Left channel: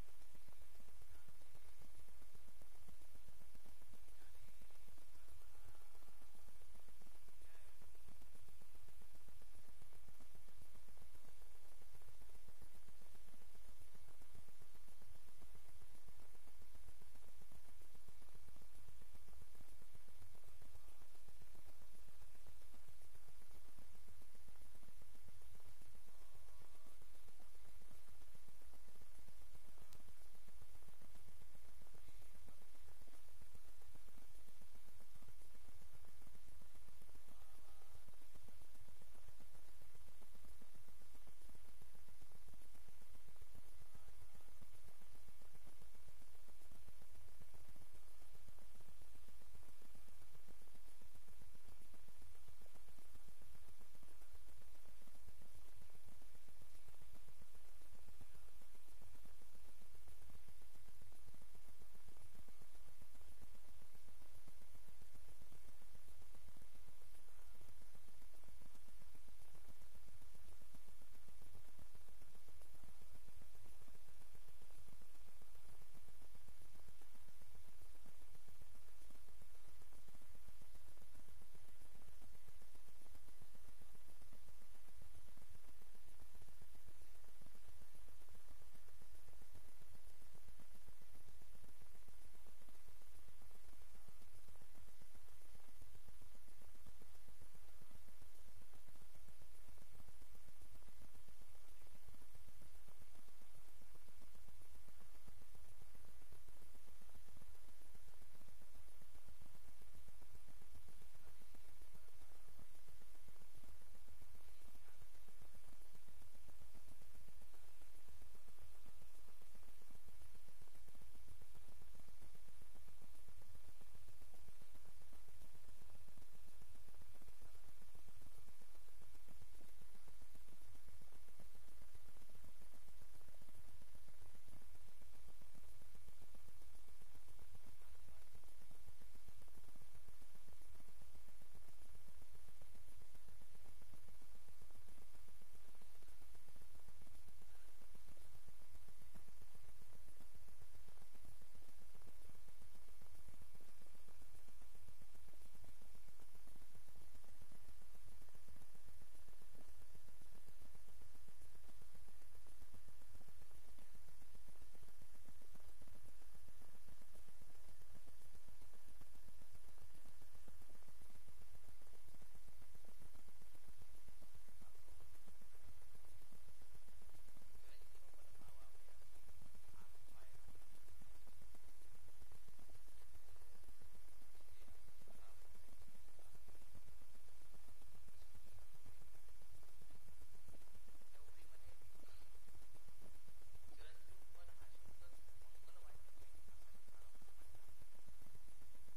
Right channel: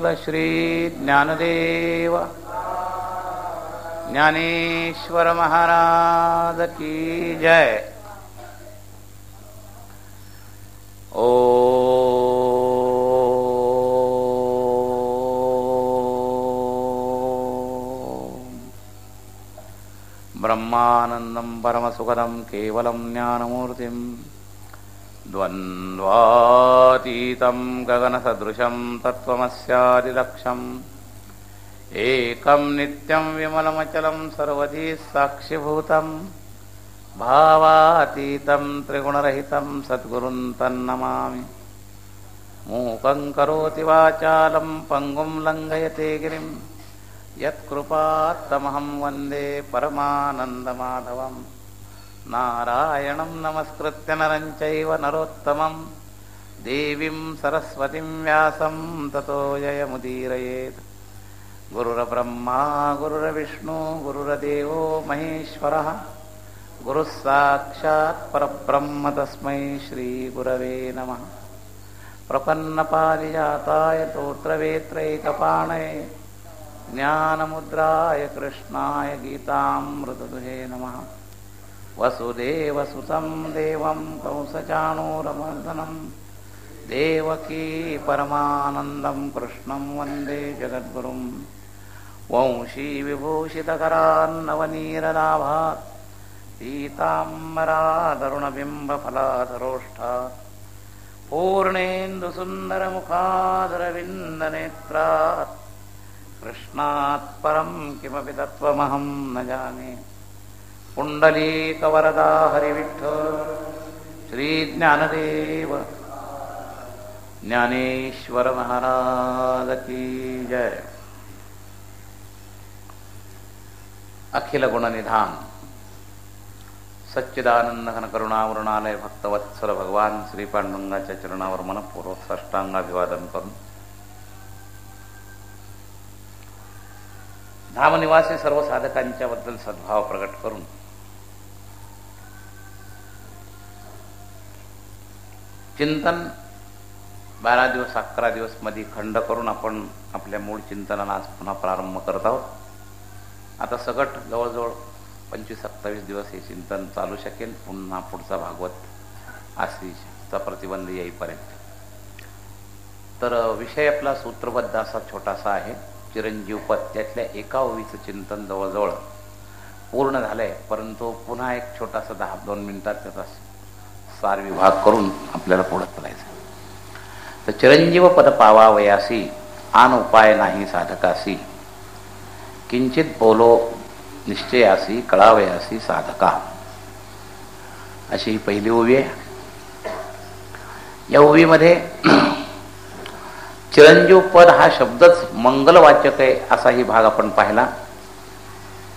बोल श्री ज्ञानदेव ज्ञानेश्वर महाराज की जय। ओ ब्रह्मानंदं परमसुखदं केवलं ज्ञानमूर्तिं द्वन्द्वातीतं गगनसदृशं तत्त्वमस्यादिलक्ष्यम् एकं नित्यं विमलमचलं सर्वधी साक्षिभूतं भावातीतं त्रिगुणरहितं सद्गुरुं तन्नमामि। मूकं करोति वाचालं पङ्गुं लङ्घयते गिरिं यत्कृपात्तमहं वन्दे परमानन्दमाधवं। नारायणं नमस्कृत्य नरं चैव नरोत्तमं देवीं सरस्वतीं व्यासं ततो जयमुदीरयेत्। गुरुर्ब्रह्मा गुरुर्विष्णु गुरुर्देवो महेश्वरः गुरुः साक्षात् परब्रह्म तस्मै श्रीगुरवे नमः। प्रपन्नपारिजाताय तोत्रवेत्रैकपाणये ज्ञानमुद्राय कृष्णाय गीतामृतदुहे नमः। वसुदेवसुतं देवं कंसचाणूरमर्दनं देवकी परमानन्दं कृष्णं वन्दे जगद्गुरुं। वंशी विभूषितकरान्नवनीरलाभात् पीताम्बरादरुणबिम्बफलाधरोष्ठात् पूर्णेन्दुसुन्दरमुखादरविन्दनेत्रात् कृष्णात् परं किमपि तत्त्वमहं न जाने। पुण्डलीकवरदा हरिविठ्ठल श्रीज्ञानदेव ज्ञानेश्वर महाराज की जय। अखिल गुणनिधान सच्चिदानंद घन करुणावृणालय भक्तवत्सल भगवान श्री पांडुरंगाच्या चरणावर मनपूर्वक साष्टांगाभिवादन करून धामनिवासी सर्व साधकांच्या बद्दल सद्भाव प्रकट करून चिंतन 12 दिवस 11 दिवस मध्ये खंड करून आपण आपल्या मूळ चिंतनाला आज पुन्हा प्रारंभ करत आहोत. आता सगट जवळजवळ 25-27 दिवस हे चिंतन चालू शकेल. पुन्हा पुढचा भागवत आश्रीचा प्रतिबंध येईपर्यंत. तर विषय आपला सूत्रबद्ध असा छोटासा आहे. चिरंजीवपद त्यातल्या एका ओवीचं चिंतन जवळजवळ पूर्ण झालंय, परंतु पुन्हा एक छोटासा 10-2 मिनिटात त्याचा सार विभाग करून आपल्याला पुढे चालायचं. तर चिरंजीव पद पावावयासी आन उपाय नाही साधकासी किंचित बोलो निश्चयासी कळावयासी साधका, अशी ही पहिली ओवी आहे. या ओवीमध्ये चिरंजीव पद हा शब्दच मंगलवाचक आहे असाही भाग आपण पाहिला.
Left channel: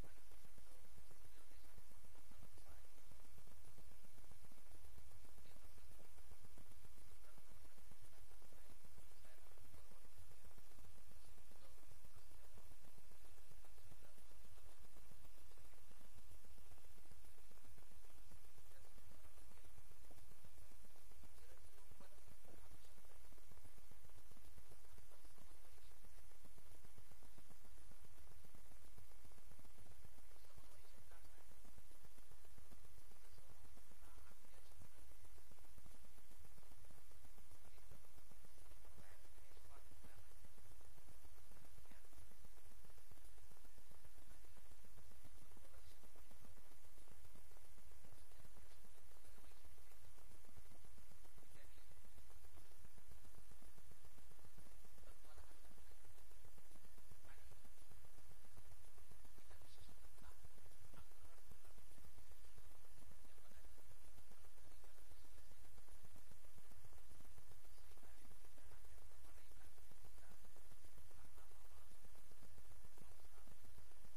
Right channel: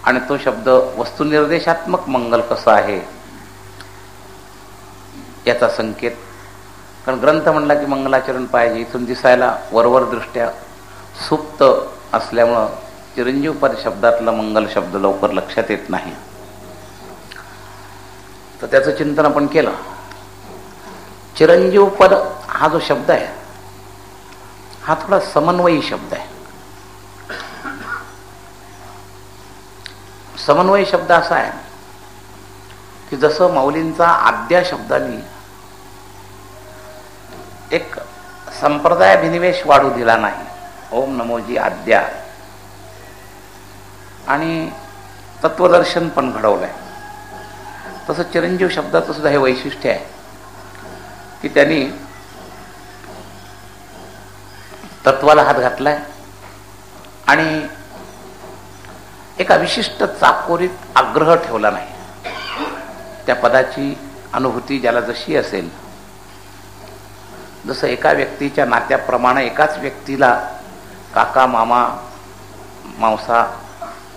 आणि तो शब्द वस्तुनिर्देशात्मक मंगल कसं आहे याचा संकेत. कारण ग्रंथ म्हणला की मंगलाचरण पाहिजे, इथून दिसायला वरवर दृष्ट्या सुप्त असल्यामुळं चिरंजीव पद शब्दातला मंगल शब्द लवकर लक्षात येत नाही. तर त्याचं चिंतन आपण केलं. चिरंजीव पद हा जो शब्द आहे हा थोडा समन्वयी शब्द आहे. समन्वयी शब्द असा आहे की जसं माऊलींचा आद्या शब्दाने एक संप्रदायाभिनिवेश वाढू दिला नाही, ओम नमोजी आद्या, आणि तत्वदर्शन पण घडवलंय, तसं चिरंजीव शब्दाचं सुद्धा हे वैशिष्ट्य आहे की त्यांनी तत्वाला हात घातलाय आणि एका विशिष्ट चाकोरीत आग्रह ठेवला नाही. त्या पदाची अनुभूती ज्याला जशी असेल, जसं एका व्यक्तीच्या नात्याप्रमाणे एकाच व्यक्तीला काका मामा मावसा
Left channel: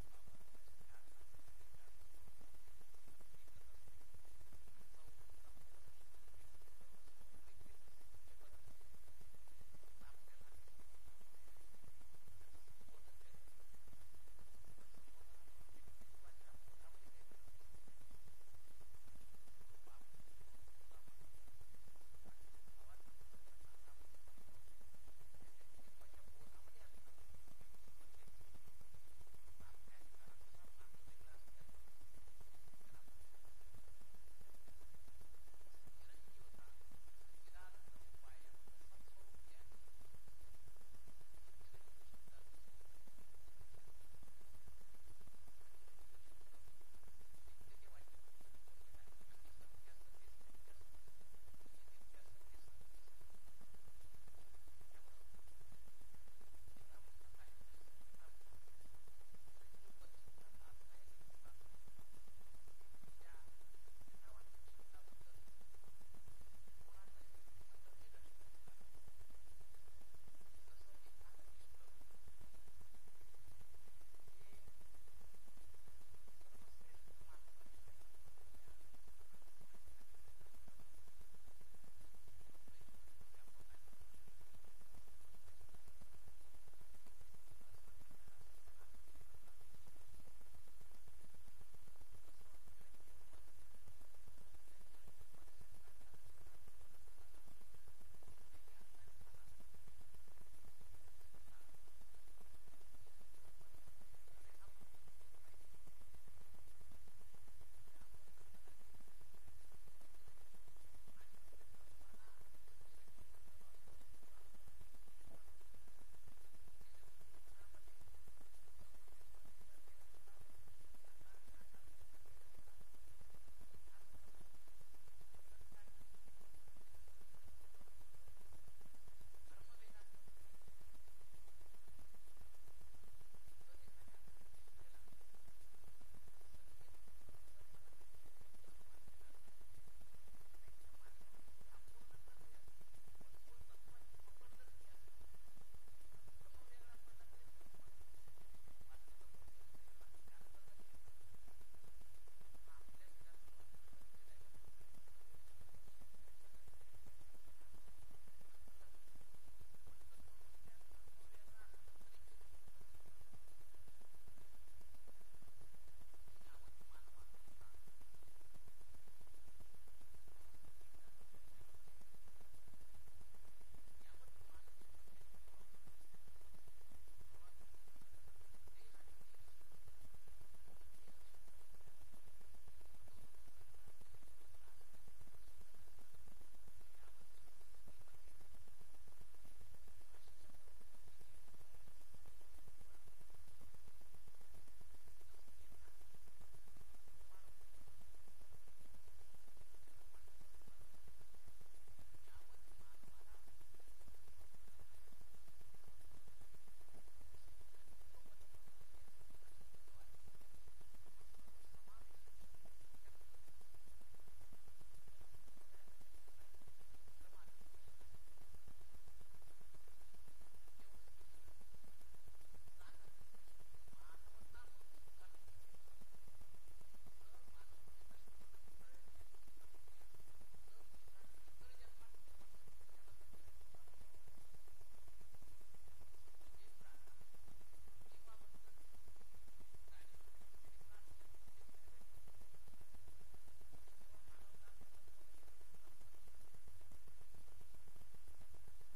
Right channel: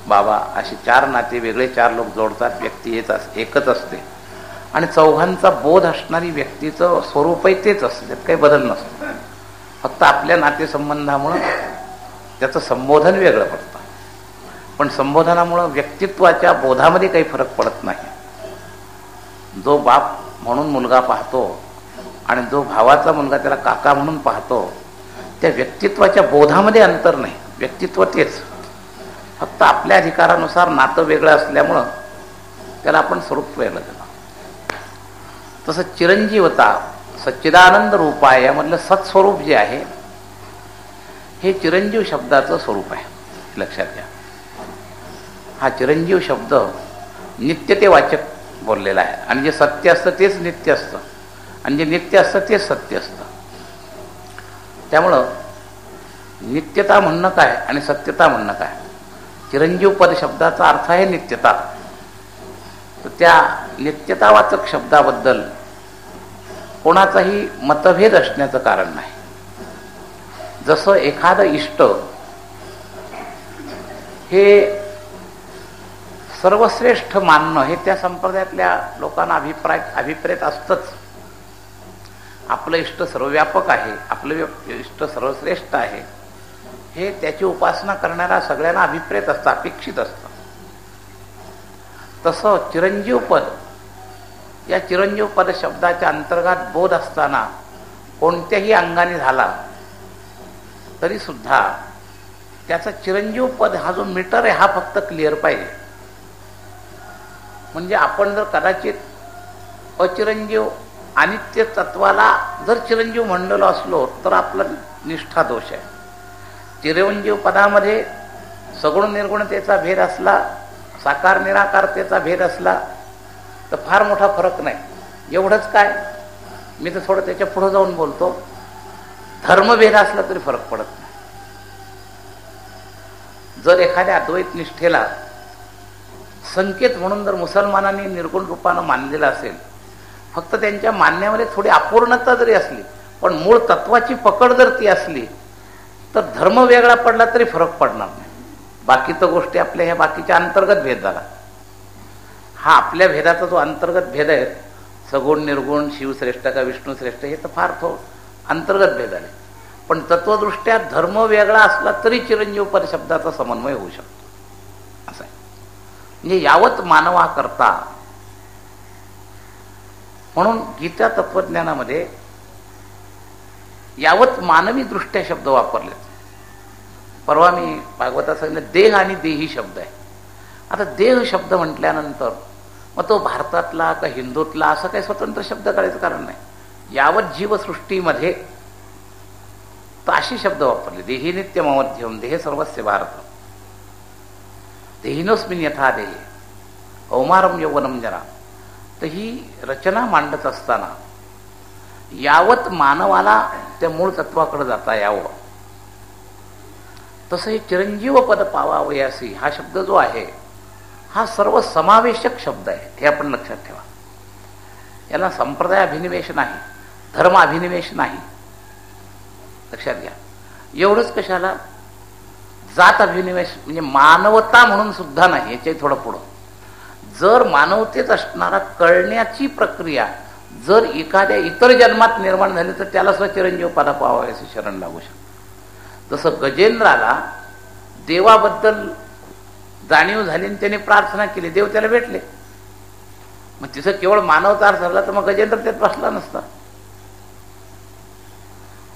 बाबा असे 4 नाते वेगळे 4 लोक जोडतात. व्यक्ती एकच असते आणि चौघांचा बोध असणारी व्यक्तीचं स्वरूपही तेच असतं, त्यात काही बदल नसतो. फक्त आपल्या नातेसंबंधामुळं त्याचं संबोधन वेगळं पडतं, पण संबोधनामुळं व्यक्तित्वाच्या बोधामध्ये काही फरक पडत नाही. जो बाप म्हणून मुलगा पाहतो आणि जो भावाचा मुलगा त्याला काका म्हणून पाहतो, त्या व्यक्तित्वाच्या बोधामध्ये अंतर नाही, व्यक्तित्व तेच, फक्त आपल्या अधिकारानुसार नातं वेगळं असल्यामुळं त्याला आपण स्वरूप वेगळं दिलं. तसं चिरंजीवता, सच्चिदानंद रूपाय यामधलं सत्स्वरूप जे आहे हे चिरंजीव शब्दाचं स्वरूप आहे, लक्षात घ्या. हा चिरंजीव शब्द नित्यतेवाचक बोललेला आहे, आणि जे सत्य असतं तेच नित्य असतं, आणि जे नित्य असतं तेच सत्य असतं. त्यामुळं नित्यता म्हणणं काय आणि सत्यता म्हणणं काय. चिरंजीव पद शब्दाचा अर्थ आहे नित्यता. तर त्या नित्यतावाचक शब्दाबद्दल कोणाचाही मतभेद असण्याचं कारण नाही. जसं एखादं इष्ट हे सर्वश्रेष्ठ मानणं हे त्या संप्रदायातल्या लोकांना अभिप्रेत असतंच. आपलं इष्ट सर्वव्यापक आहे, आपलं इष्ट सर्वश्रेष्ठ आहे, हे त्याची उपासना करणाऱ्या सगळ्यांना अभिप्रेत असतं, अपेक्षित असतं. तसं चिरंजीव पद, या चिरंजीव पद शब्दाच्या अंतर्गत बोध असताना कोणत्याही अंगाने झाला तरी सुद्धा त्याचा चिरंजीव पद हा जो मीटर आहे हा फक्त क्लिअर पाहिजे. म्हणजे आपण जर कदाचित अचिरंजीव अनित्य तत्वाला जर चिरंजीव म्हणलेलो असलो तर आपला निष्ठा दोष आहे. चिरंजीव पदामध्ये सगुण निर्गुणतेचा भेद असला, साकार निराकारतेचा भेद असला तर फार मोठा फरक नाही. एवढंच काय, मी तर थोडं त्याच्या पुढे जाऊन बोलतो, धर्मभेद असला तरी फरक पडत नाही. जर एखाद्या अद्वैत निष्ठेला संकेत म्हणून जर मुसलमानांनी निर्गुण रूपानं मानलेलं असेल, फक्त त्यांच्या मानण्यामध्ये थोडी अपूर्णता जरी असली पण मूळ तत्वाची पकड जर ती असली तर धर्म वेगळा पडला तरी फरक पडणार नाही. बाकी तर गोष्टी आपल्या ह्या बाकीच्या अंतर्गत भेद झाला. हा आपल्या भेदाचा जो अंतर्गत भेद आहे, सगुण निर्गुण, शिवश्रेष्ठ का विष्णुश्रेष्ठ, हे तर फार अंतर्गत भेद आहे. पण तत्वदृष्ट्या धर्म वेगळा असला तरी चिरंजीव पद शब्दाचा समन्वय होऊ शकतो, असं आहे. म्हणजे यावत मानवा करता, म्हणून गीता तत्वज्ञानामध्ये यावत मानवी दृष्ट्या शब्द वापरले. परवा मी भागवतात सांगितलं देह आणि देही शब्द आहे. आता देह शब्द म्हटल्यानंतर मग तो भारतातला का हिंदूतला असं काही स्वतंत्र शब्द काढायचं कारण नाही. यावत जीवसृष्टीमध्ये तर असे शब्द वापरले. देही नित्यमवध्यम देह सर्वस्य भारत, देहिनोस्मिन यथा देहे कौमारम यौवनम जरा. तर ही रचना मांडत असताना यावत मानवाला त्या मूळ तत्वाकडे जाता यावं, तसं हे चिरंजीव पद पावावयासी हा शब्द जो आहे हा सर्व समावेशक शब्द आहे, हे आपण लक्षात ठेवा. याला संप्रदाय अभिनिवेश नाही, धर्म अभिनिवेश नाही, लक्षात घ्या. एवढंच कशाला, जात अभिनिवेश म्हणजे मानवता म्हणून सुद्धा नाही. याच्याही थोडं पुढं, जर मानवतेत असणारा कळण्याची प्रक्रिया जर एखाद्या इतर जन्मात निर्माण झाली तर त्याला सुद्धा चिरंजीव पदा पावायचे शरण लागू शकतं. जसं गजेंद्राला देवाबद्दल जाणीव झाली आणि त्याने प्रार्थना केली, देव त्याला भेटले. मग तिथं केवळ मानवता अर्थ झाला तर मग गजेंद्र त्यात बसला नसता.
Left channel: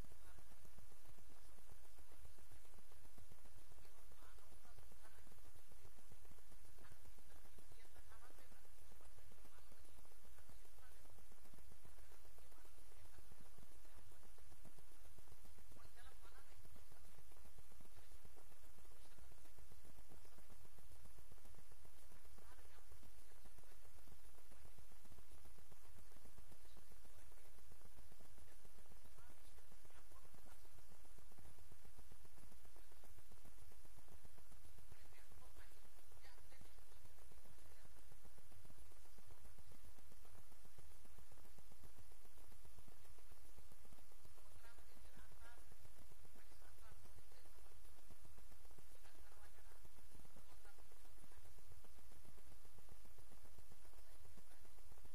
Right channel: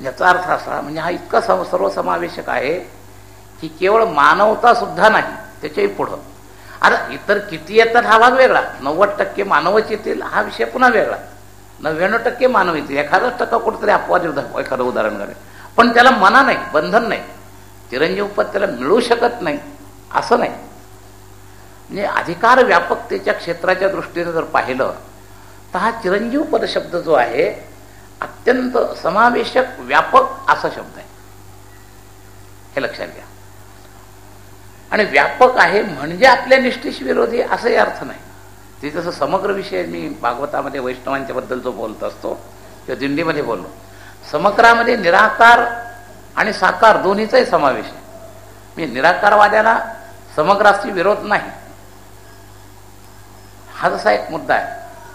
याचा अर्थ असा, म्हणजे हा इतका सर्वसमावेशक आहे की केवळ मानवता सुद्धा नाही, त्याच्याही पुढं. आता इतर किती येतात हा भाग वेगळा, 90% मानवच येतील हा विषय पुन्हा वेगळा, 99% मानव येतील, 1% कुठेतरी अपवाद एखादं उदाहरण घडेल, पण त्याला मना नाही, बंधन नाही, चिरंजीव पद त्याला मिळू शकत नाही असं नाही. म्हणजे अधिकार व्यापकतेच्या क्षेत्राच्या दृष्टीने जर पाहिलं तर हा चिरंजीव पद शब्द जो आहे अत्यंत समावेशक व्यापक असा शब्द आहे, हे लक्षात घ्या. आणि व्यापक आहे म्हणजे आपल्या निष्ठेशी विरोधी असंही अर्थ नाही. ते जसं समग्र विषय मी भागवतामध्ये वैष्णवांच्या बद्दल जो बोलत असतो किंवा दिंडीमध्ये बोललो, समग्रामध्ये निराकार आणि साकार दोन्हीचाही समावेश आहे. मी निराकारवाद्याला समग्राशी विरोध नाही, हा जसा एक मुद्दा आहे.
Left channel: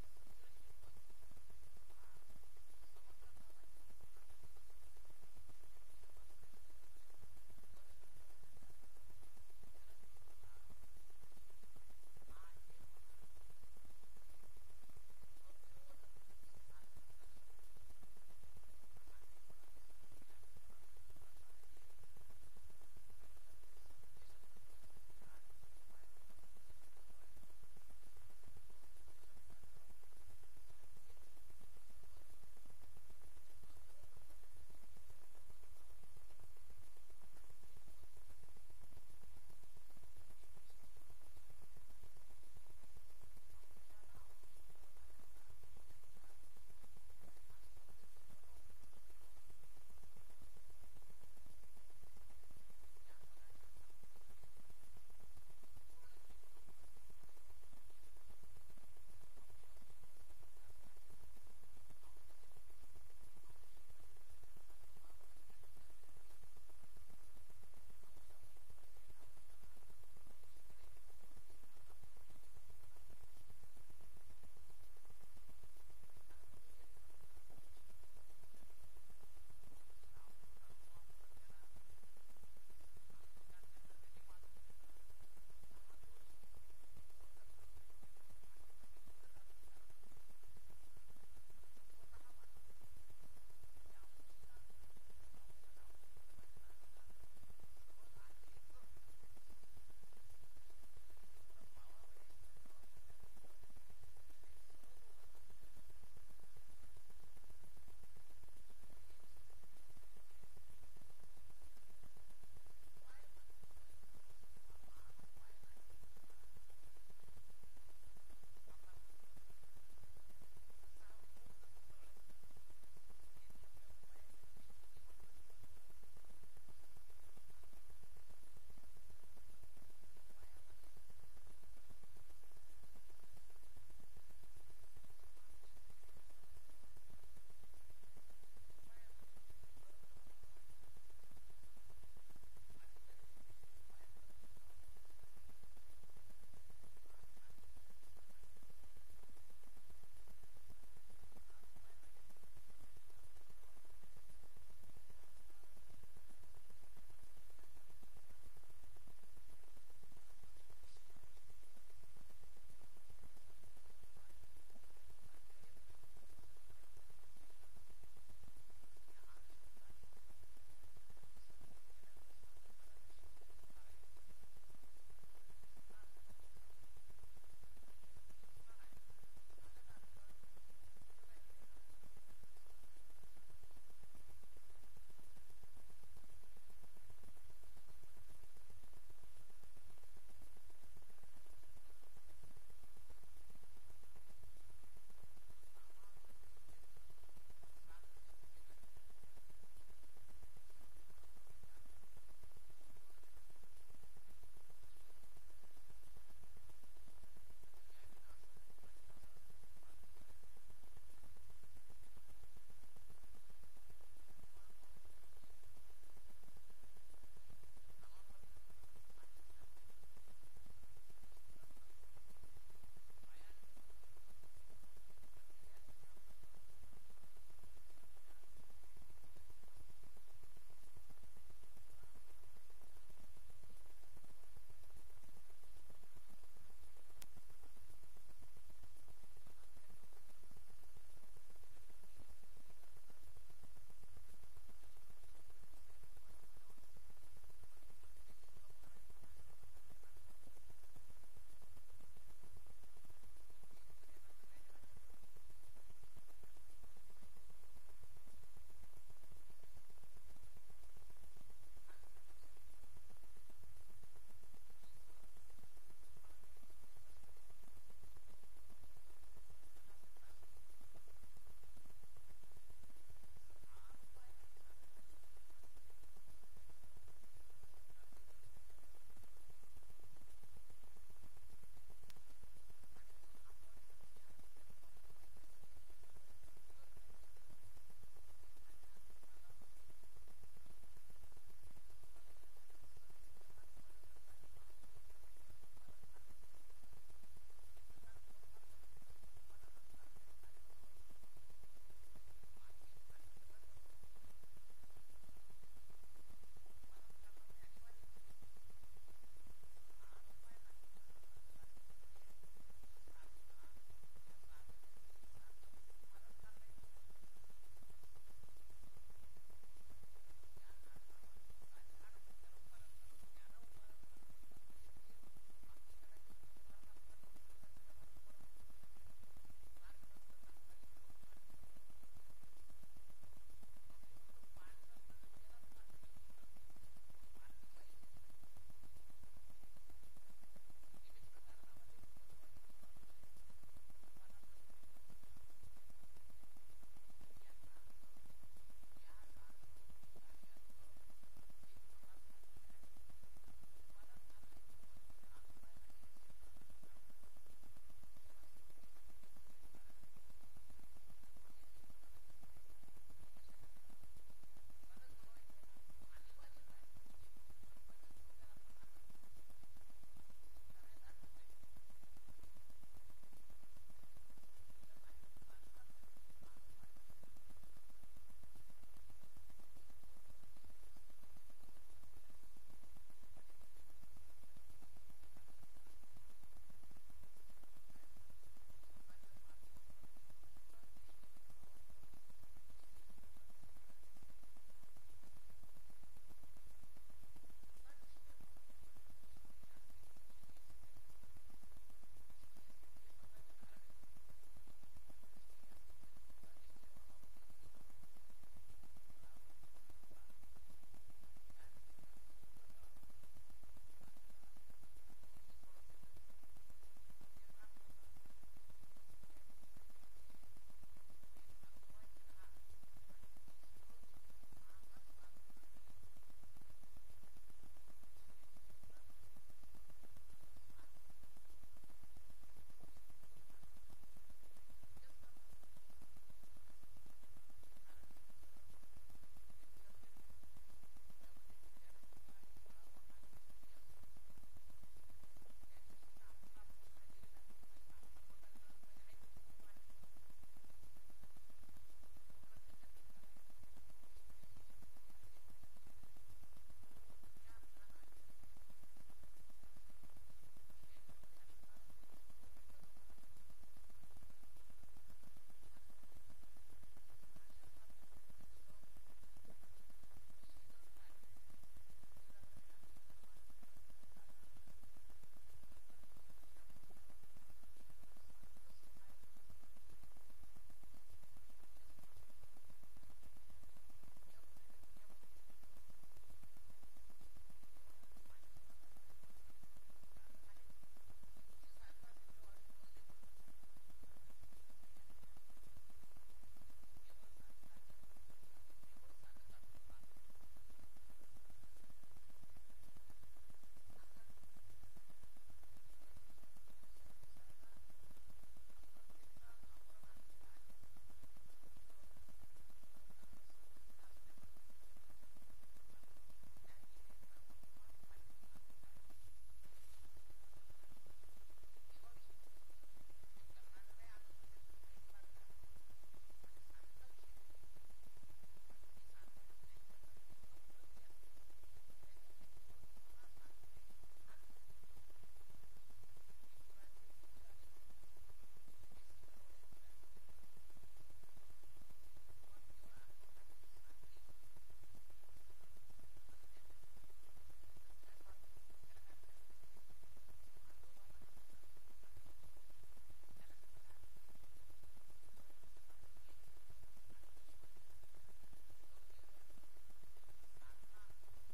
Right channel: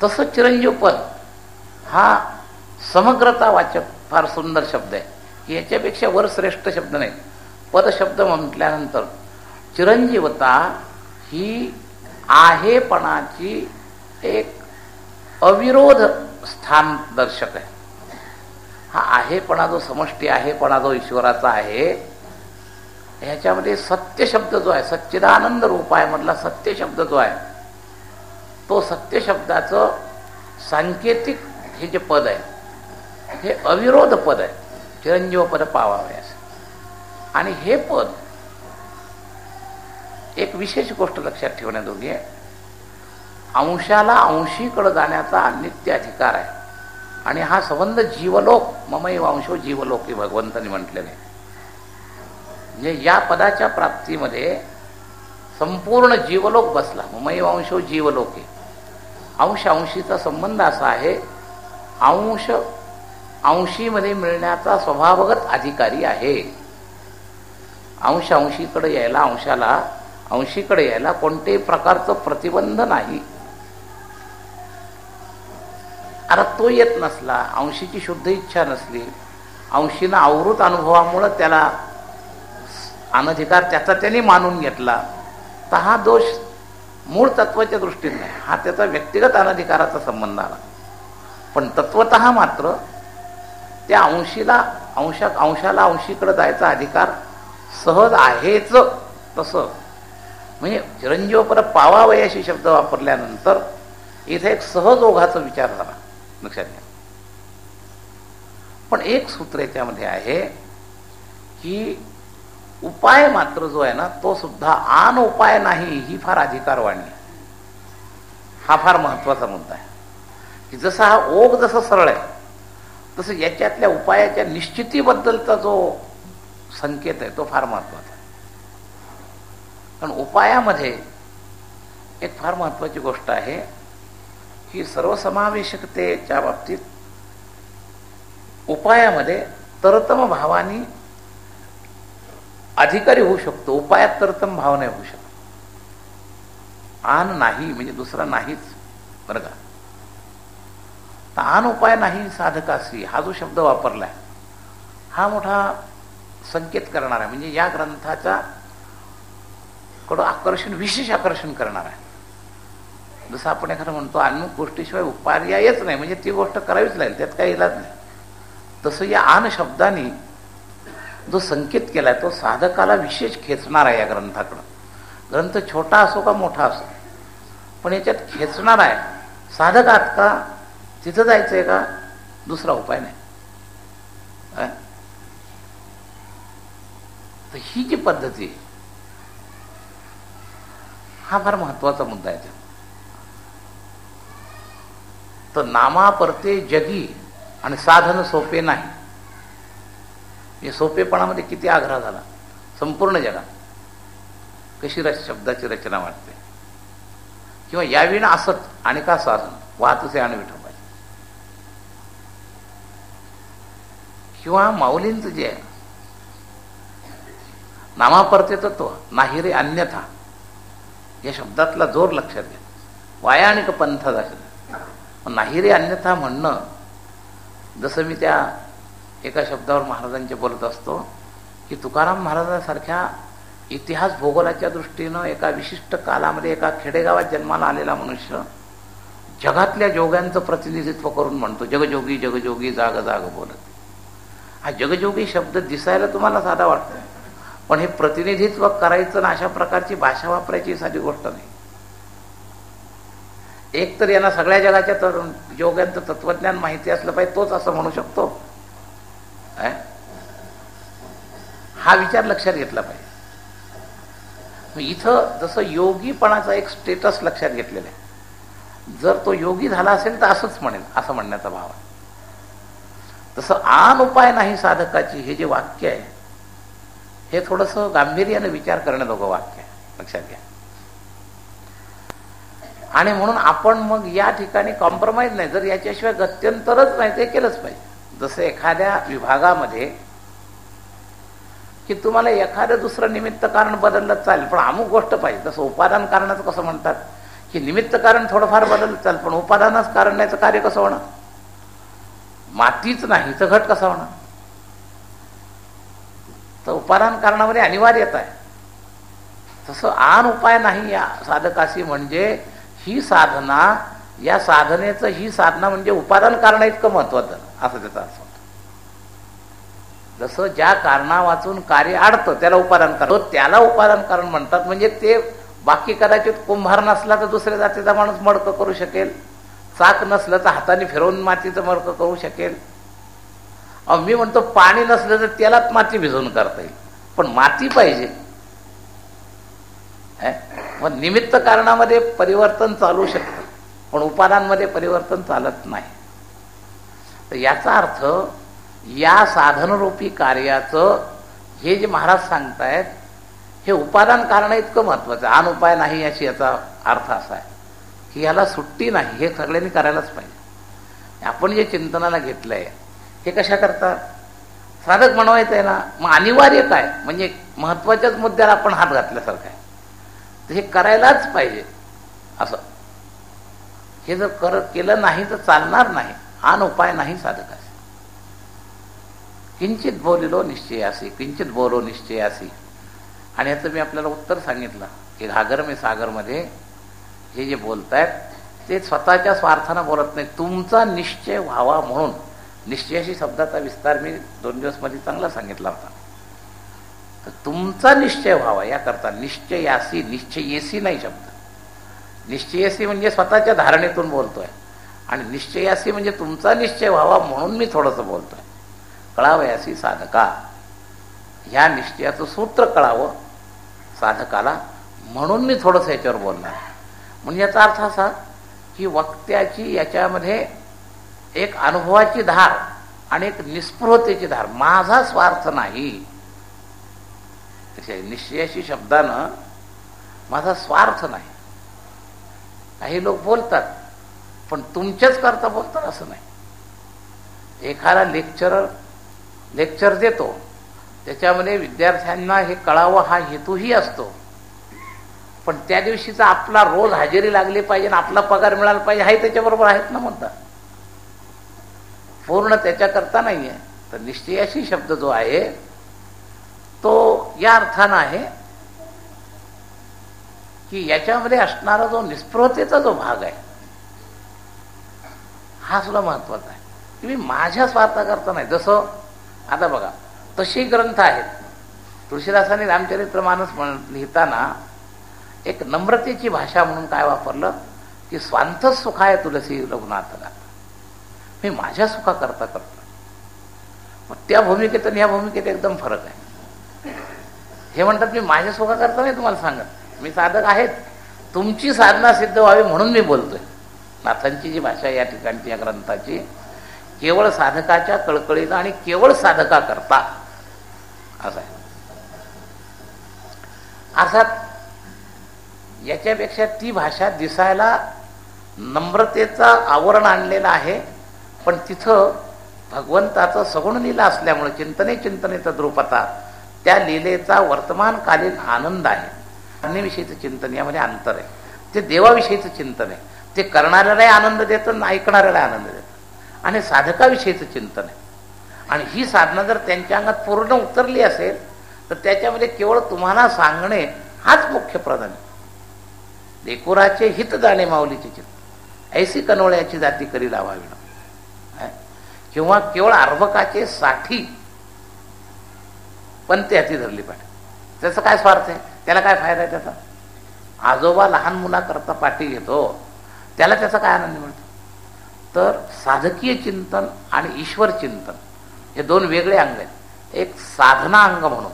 तसं चिरंजीव पद हा समग्रतावाचक फार सुंदर शब्द आहे, की याच्यापेक्षा वर श्रेष्ठ शब्द नाही. पद शब्द म्हटल्यानंतर चिरंजीवता ही आहेपणाची एक अविरोध स्थान दर्शक आहे. हा आहेपणा जो समष्टी आहेपणा जो ईश्वराचा आहे, ह्याच्यामध्ये सत्य शब्द जो आहे, सच्चिदानंद रूप आहे मधला सत्य शब्द जो आहे, तो सत्य शब्दाचं सांकेतिक हे जे पद आहे हे अविरोध पद आहे, चिरंजीव पद पावावे असं. आणि हे पद एक विशेष गोष्ट लक्षात ठेवण्याजोगी आहे, अंशाला अंशीकडे जाण्याचा नित्य अधिकार आहे. आणि हा संबंध जीवलोक, ममैव अंशो जीवलोक, भगवंतांनी म्हटलेले. म्हणजे या पदाच्या प्राप्तीमध्ये संपूर्ण जीवलोक बसला. ममैव अंशो जीवलोके, अंश अंशीचा संबंध असा आहे, अंश अंशीमध्ये मिळण्याचा स्वभावगत अधिकारी आहे. अंश अंशीकडे यायला, अंशाला अंशीकडे यायला कोणत्याही प्रकारचं प्रतिबंध नाही. आता तो येत नसला, अंशीची शुद्ध इच्छा नसली, अंशीनं आवृत अनुभवामुळं त्याला अनधिकार त्याचा त्याने मानून घेतला, तर हा दोष मूळ तत्वाच्या दृष्टीने नाही, हा त्याचा व्यक्तिगत अनधिकाराचा संबंध आला. पण तत्वतः मात्र त्या अंशाला अंशीकडे जायचा अधिकार सहज आहेच. तसं म्हणजे चिरंजीव पर पावावयाशी शब्द वापरल्यानंतर इथे एक सहज ओघाचा विचार झाला, लक्षात घ्या. पण एक सूत्र याच्यामध्ये आहे की उपाय मात्र जो आहे ना, तो सुद्धा आन उपाय नाही, ही फार अधिकारवाणी आहे. हा फार महत्वाचा मुद्दा आहे की जसा हा ओघ जसं सरळ आहे, तसं याच्यातल्या उपायाच्या निश्चितीबद्दलचा जो संकेत आहे तो फार महत्वाचा आहे. कारण उपायामध्ये एक फार महत्वाची गोष्ट आहे की सर्वसमावेशकतेच्या बाबतीत उपायामध्ये तरतम भावानी अधिकारी होऊ शकतो, उपायात तरतम भाव नाही होऊ शकत. आन नाही म्हणजे दुसरा नाहीच, बरं का. तर आन उपाय नाही साधकासी हा जो शब्द वापरलाय हा मोठा संकेत करणार आहे, म्हणजे या ग्रंथाचा कडं आकर्षण, विशेष आकर्षण करणार आहे. जसं आपण एखादं म्हणतो अमुक गोष्टीशिवाय उपार्यायच नाही, म्हणजे ती गोष्ट करावीच लागेल, त्यात काही इलाज नाही. तसं या आन शब्दाने जो संकेत केलाय तो साधकाला विशेष खेचणार आहे. या ग्रंथाकडं, ग्रंथ छोटा असो का मोठा असो, पण याच्यात खेचणार आहे. साधक आहात का, तिथं जायचंय का, दुसरा उपाय नाही. तर ही जी पद्धती हा फार महत्वाचा मुद्दा आहे. तर नामा परते जगी आणि साधन सोपे नाही. हे सोपेपणामध्ये किती आग्रह झाला. संपूर्ण जगात कशी शब्दाची रचना वाटते, किंवा याविना असत आणि का साधन वाहतुसे आणि विठोबाचे, किंवा माऊलींचं जे आहे नामापरते तत्व नाही रे अन्यथा, या शब्दातला जोर लक्षात घ्या. वाया आणि पंथ नाही रे अन्यथा म्हणणं, जसं मी त्या एका शब्दावर महाराजांचे बोलत असतो की तुकाराम महाराजांसारख्या इतिहास भूगोलाच्या दृष्टीनं एका विशिष्ट कालामध्ये एका खेडेगावात जन्माला आलेला मनुष्य जगातल्या जोग्यांचं प्रतिनिधित्व करून म्हणतो जगजोगी जगजोगी जाग जाग बोलत. हा जगजोगी शब्द दिसायला तुम्हाला साधा वाटतो, पण हे प्रतिनिधित्व करायचं ना अशा प्रकारची भाषा वापरायची साधी गोष्ट नाही. एक तर यांना सगळ्या जगाच्या जोग्यांचं तत्वज्ञान माहिती असलं पाहिजे, तोच असं म्हणू शकतो. हा विचार लक्षात घेतला पाहिजे. इथं जसं योगीपणाचा एक स्टेटस लक्षात घेतलेला आहे, जर तो योगी झाला असेल तर असंच म्हणेल, असं म्हणण्याचा भाव आहे. तसं आन उपाय नाही साधकाची हे जे वाक्य आहे हे थोडंसं गांभीर्याने विचार करण्याजोगं वाक्य आहे, लक्षात घ्या. आणि म्हणून आपण मग या ठिकाणी कॉम्प्रोमाइज नाही, जर याच्याशिवाय गत्यंतरच नाही ते केलंच पाहिजे. जसं एखाद्या विभागामध्ये की तुम्हाला एखादं दुसरं निमित्त कारण बदललं चालेल, पण अमुक गोष्ट पाहिजे. तसं उपादान कारणाचं कसं म्हणतात की निमित्त कारण थोडंफार बदललं चालेल, पण उपादानच काढण्याचं कार्य कसं होणार. मातीच नाही तर घट कसा होणार. तर उपादान कारणामध्ये अनिवार्यता आहे. तसं आन उपाय नाही या साधकाशी, म्हणजे ही साधना, या साधनेचं ही साधना म्हणजे उपादान कारण इतकं महत्वाचं, असं त्याचा अर्थ होतो. जसं ज्या कारणां वाचून कार्य अडतं त्याला उपादान कारण, त्याला उपादान कारण म्हणतात. म्हणजे ते बाकी कदाचित कुंभार नसला तर दुसऱ्या जातीचा माणूस मडकं करू शकेल, चाक नसलं तर हाताने फिरवून मातीचं मडकं करू शकेल. मी म्हणतो पाणी नसलं तर त्यालाच माती भिजवून करता येईल, पण माती पाहिजे. मग निमित्त कारणामध्ये परिवर्तन चालू शकतं, पण उपादांमध्ये परिवर्तन चालत नाही. तर याचा अर्थ या साधनरूपी कार्याचं हे जे महाराज सांगतायत हे उपादान कारण इतकं महत्वाचं. आन उपाय नाही याची याचा अर्थ असा आहे की याला सुट्टी नाही, हे सगळ्यांनी करायलाच पाहिजे. आपण जे चिंतनाला घेतलंय हे कशा करता साधक बनवायचं आहे ना, मग अनिवार्य काय म्हणजे महत्वाच्याच मुद्द्याला आपण हात घातल्यासारखं आहे, तर हे करायलाच पाहिजे. असं हे जर केलं नाही तर चालणार नाही. आन उपाय नाही साधकास. किंचित बोलिलो निश्चयासी, किंचित बोलो निश्चयासी. आणि याचं मी आपल्याला उत्तर सांगितलं की घागर में सागरमध्ये हे जे बोलतायत ते स्वतःच्या स्वार्थानं बोलत नाही, तुमचा निश्चय व्हावा म्हणून. निश्चयाशी शब्दाचा विस्तार मी 2 दिवस मध्ये चांगला सांगितला होता. तर तुमचा निश्चय व्हावा याकरता निश्चयासी, निश्चयेसी नाही शब्द. निश्चयेसी म्हणजे स्वतःच्या धारणेतून बोलतोय, आणि निश्चयासी म्हणजे तुमचा निश्चय व्हावा म्हणून मी थोडंसं बोलतोय. कळावयासी साधका, ह्या निश्चयाचं सूत्र कळावं साधकाला म्हणून मी थोडंसं याच्यावर बोलणार. म्हणजे याचा अर्थ असा की वक्त्याची याच्यामध्ये एक अनुभवाची धार आणि एक निस्पृहतेची धार. माझा स्वार्थ नाही. निश्चयाशी शब्दानं माझा स्वार्थ नाही. काही लोक बोलतात पण तुमच्याच करता बोलतात असं नाही. एखादा लेक्चर देतो, त्याच्यामध्ये विद्यार्थ्यांना हे कळावं हा हेतूही असतो, पण त्या दिवशीचा आपला रोज हजेरी लागली पाहिजे आणि आपला पगार मिळाला पाहिजे हाही त्याच्याबरोबर आहेत ना म्हणतात. पूर्ण त्याच्याकरता नाही आहे. तर निश्चयाशी शब्द जो आहे तो या अर्थानं आहे की याच्यामध्ये असणारा जो निस्पृहतेचा जो भाग आहे हा सुद्धा महत्वाचा आहे. की मी माझ्या स्वार्थाकरता नाही. जसं आता बघा तशी ग्रंथ आहेत. तुळशीदासांनी रामचरित्रमानस लिहिताना एक नम्रतेची भाषा म्हणून काय वापरलं की स्वांत सुखाय तुलसी रघुनाथला, मी माझ्या सुखाकरता करतो. मग त्या भूमिकेत आणि ह्या भूमिकेत एकदम फरक आहे. हे म्हणतात मी माझ्या सुखाकरता नाही तुम्हाला सांगत, मी साधक आहेत, तुमची साधना सिद्ध व्हावी म्हणून मी बोलतोय. नाथांची जी भाषा या ठिकाणची या ग्रंथाची केवळ साधकाच्या कळकळीनं आणि केवळ साधका करता असं आहे. अर्थात याच्यापेक्षा ती भाषा दिसायला नम्रतेचा आवरण आणलेला आहे, पण तिथं भगवंताचं सगुण लीला असल्यामुळे चिंतने तद्रूपता त्या लीलेचा वर्तमानकालीन आनंद आहे. अन्यविषयीचं चिंतन यामध्ये अंतर आहे. ते देवाविषयीचं चिंतन आहे, ते करणाऱ्यालाही आनंद देतं, ऐकणाऱ्याला आनंद देतं. आणि साधकाविषयीचं चिंतन आहे. आणि ही साधना जर त्यांच्या अंगात पूर्ण उतरली असेल तर त्याच्यामध्ये केवळ तुम्हाला सांगणे हाच मुख्य प्रधान आहे. लेकुराचे हित जाणे माऊलीचे चित्त, ऐसी कनोळ्याची जाती करी लावावी. किंवा केवळ अर्भकाचे साठी पण ते हाती धरली पाहिजे. त्याचा काय स्वार्थ आहे, त्याला काय फायदा आहे त्याचा? आजोबा लहान मुलाकरता पाठी घेतो, त्याला त्याचा काय आनंद मिळतो? तर साधकीय चिंतन आणि ईश्वर चिंतन हे 2 वेगळे अंग आहेत. एक साधना अंग म्हणून.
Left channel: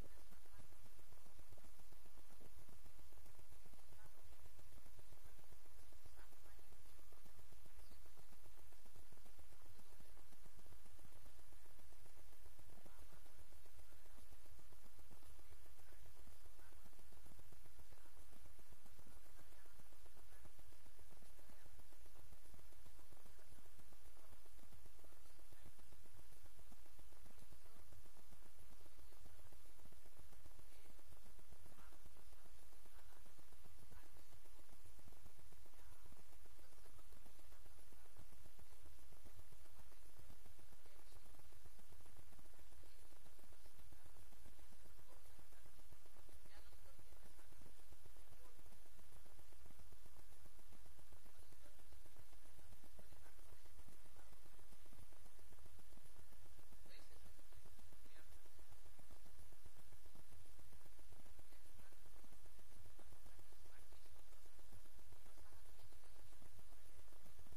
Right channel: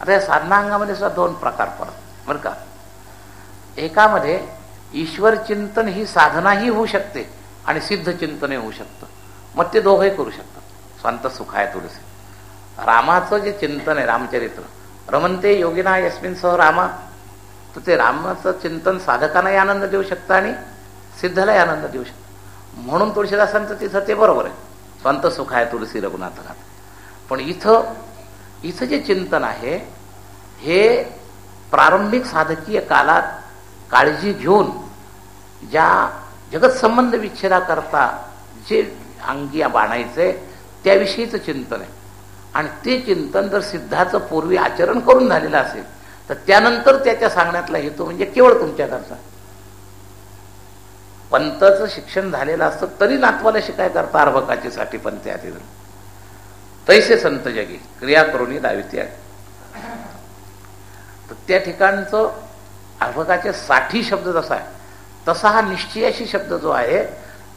आता या साधना अंगामध्ये सुद्धा 2 प्रकार पडतात बरं का. एकामध्ये ईश्वर चिंतन ही साधनाही होऊ शकते आणि सिद्ध चिंतनही होऊ शकतं. मग ते दोघंही करू शकतात. स्वांत सुखाय तुलसी. रामाचं जे चिंतन आहे रामचरित्र, रमंते योगिना यस्मिन सह रामा, तर ते रामाचं चिंतन साधकांनाही आनंद देऊ शकतं आणि सिद्धलाही आनंद देऊ शकतं. म्हणून तुळशीदासांचं तिथं ते बरोबर आहे, स्वांत सुखाय तुलसी रघुनाथ घात. पण इथं जे चिंतन आहे हे प्रारंभिक साधकीय काळात काळजी घेऊन ज्या जगत संबंध विच्छेदाकरता जे अंगी बाणायचे त्याविषयीचं चिंतन आहे. आणि ते चिंतन जर सिद्धाचं पूर्वी आचरण करून झालेलं असेल तर त्यानंतर त्याच्या सांगण्यातला हेतू म्हणजे केवळ तुमच्याकरता. पंथाचं शिक्षण झालेलं असतं तरी नातवाला शिकाय करता अर्भकाची साठी पंथी हाती धरून. तैसे संत जगी क्रिया करून दाविती आहे. तर त्या ठिकाणचं अर्भकाचे 60 शब्द जसा आहे तसा हा निश्चयाशी शब्द जो आहे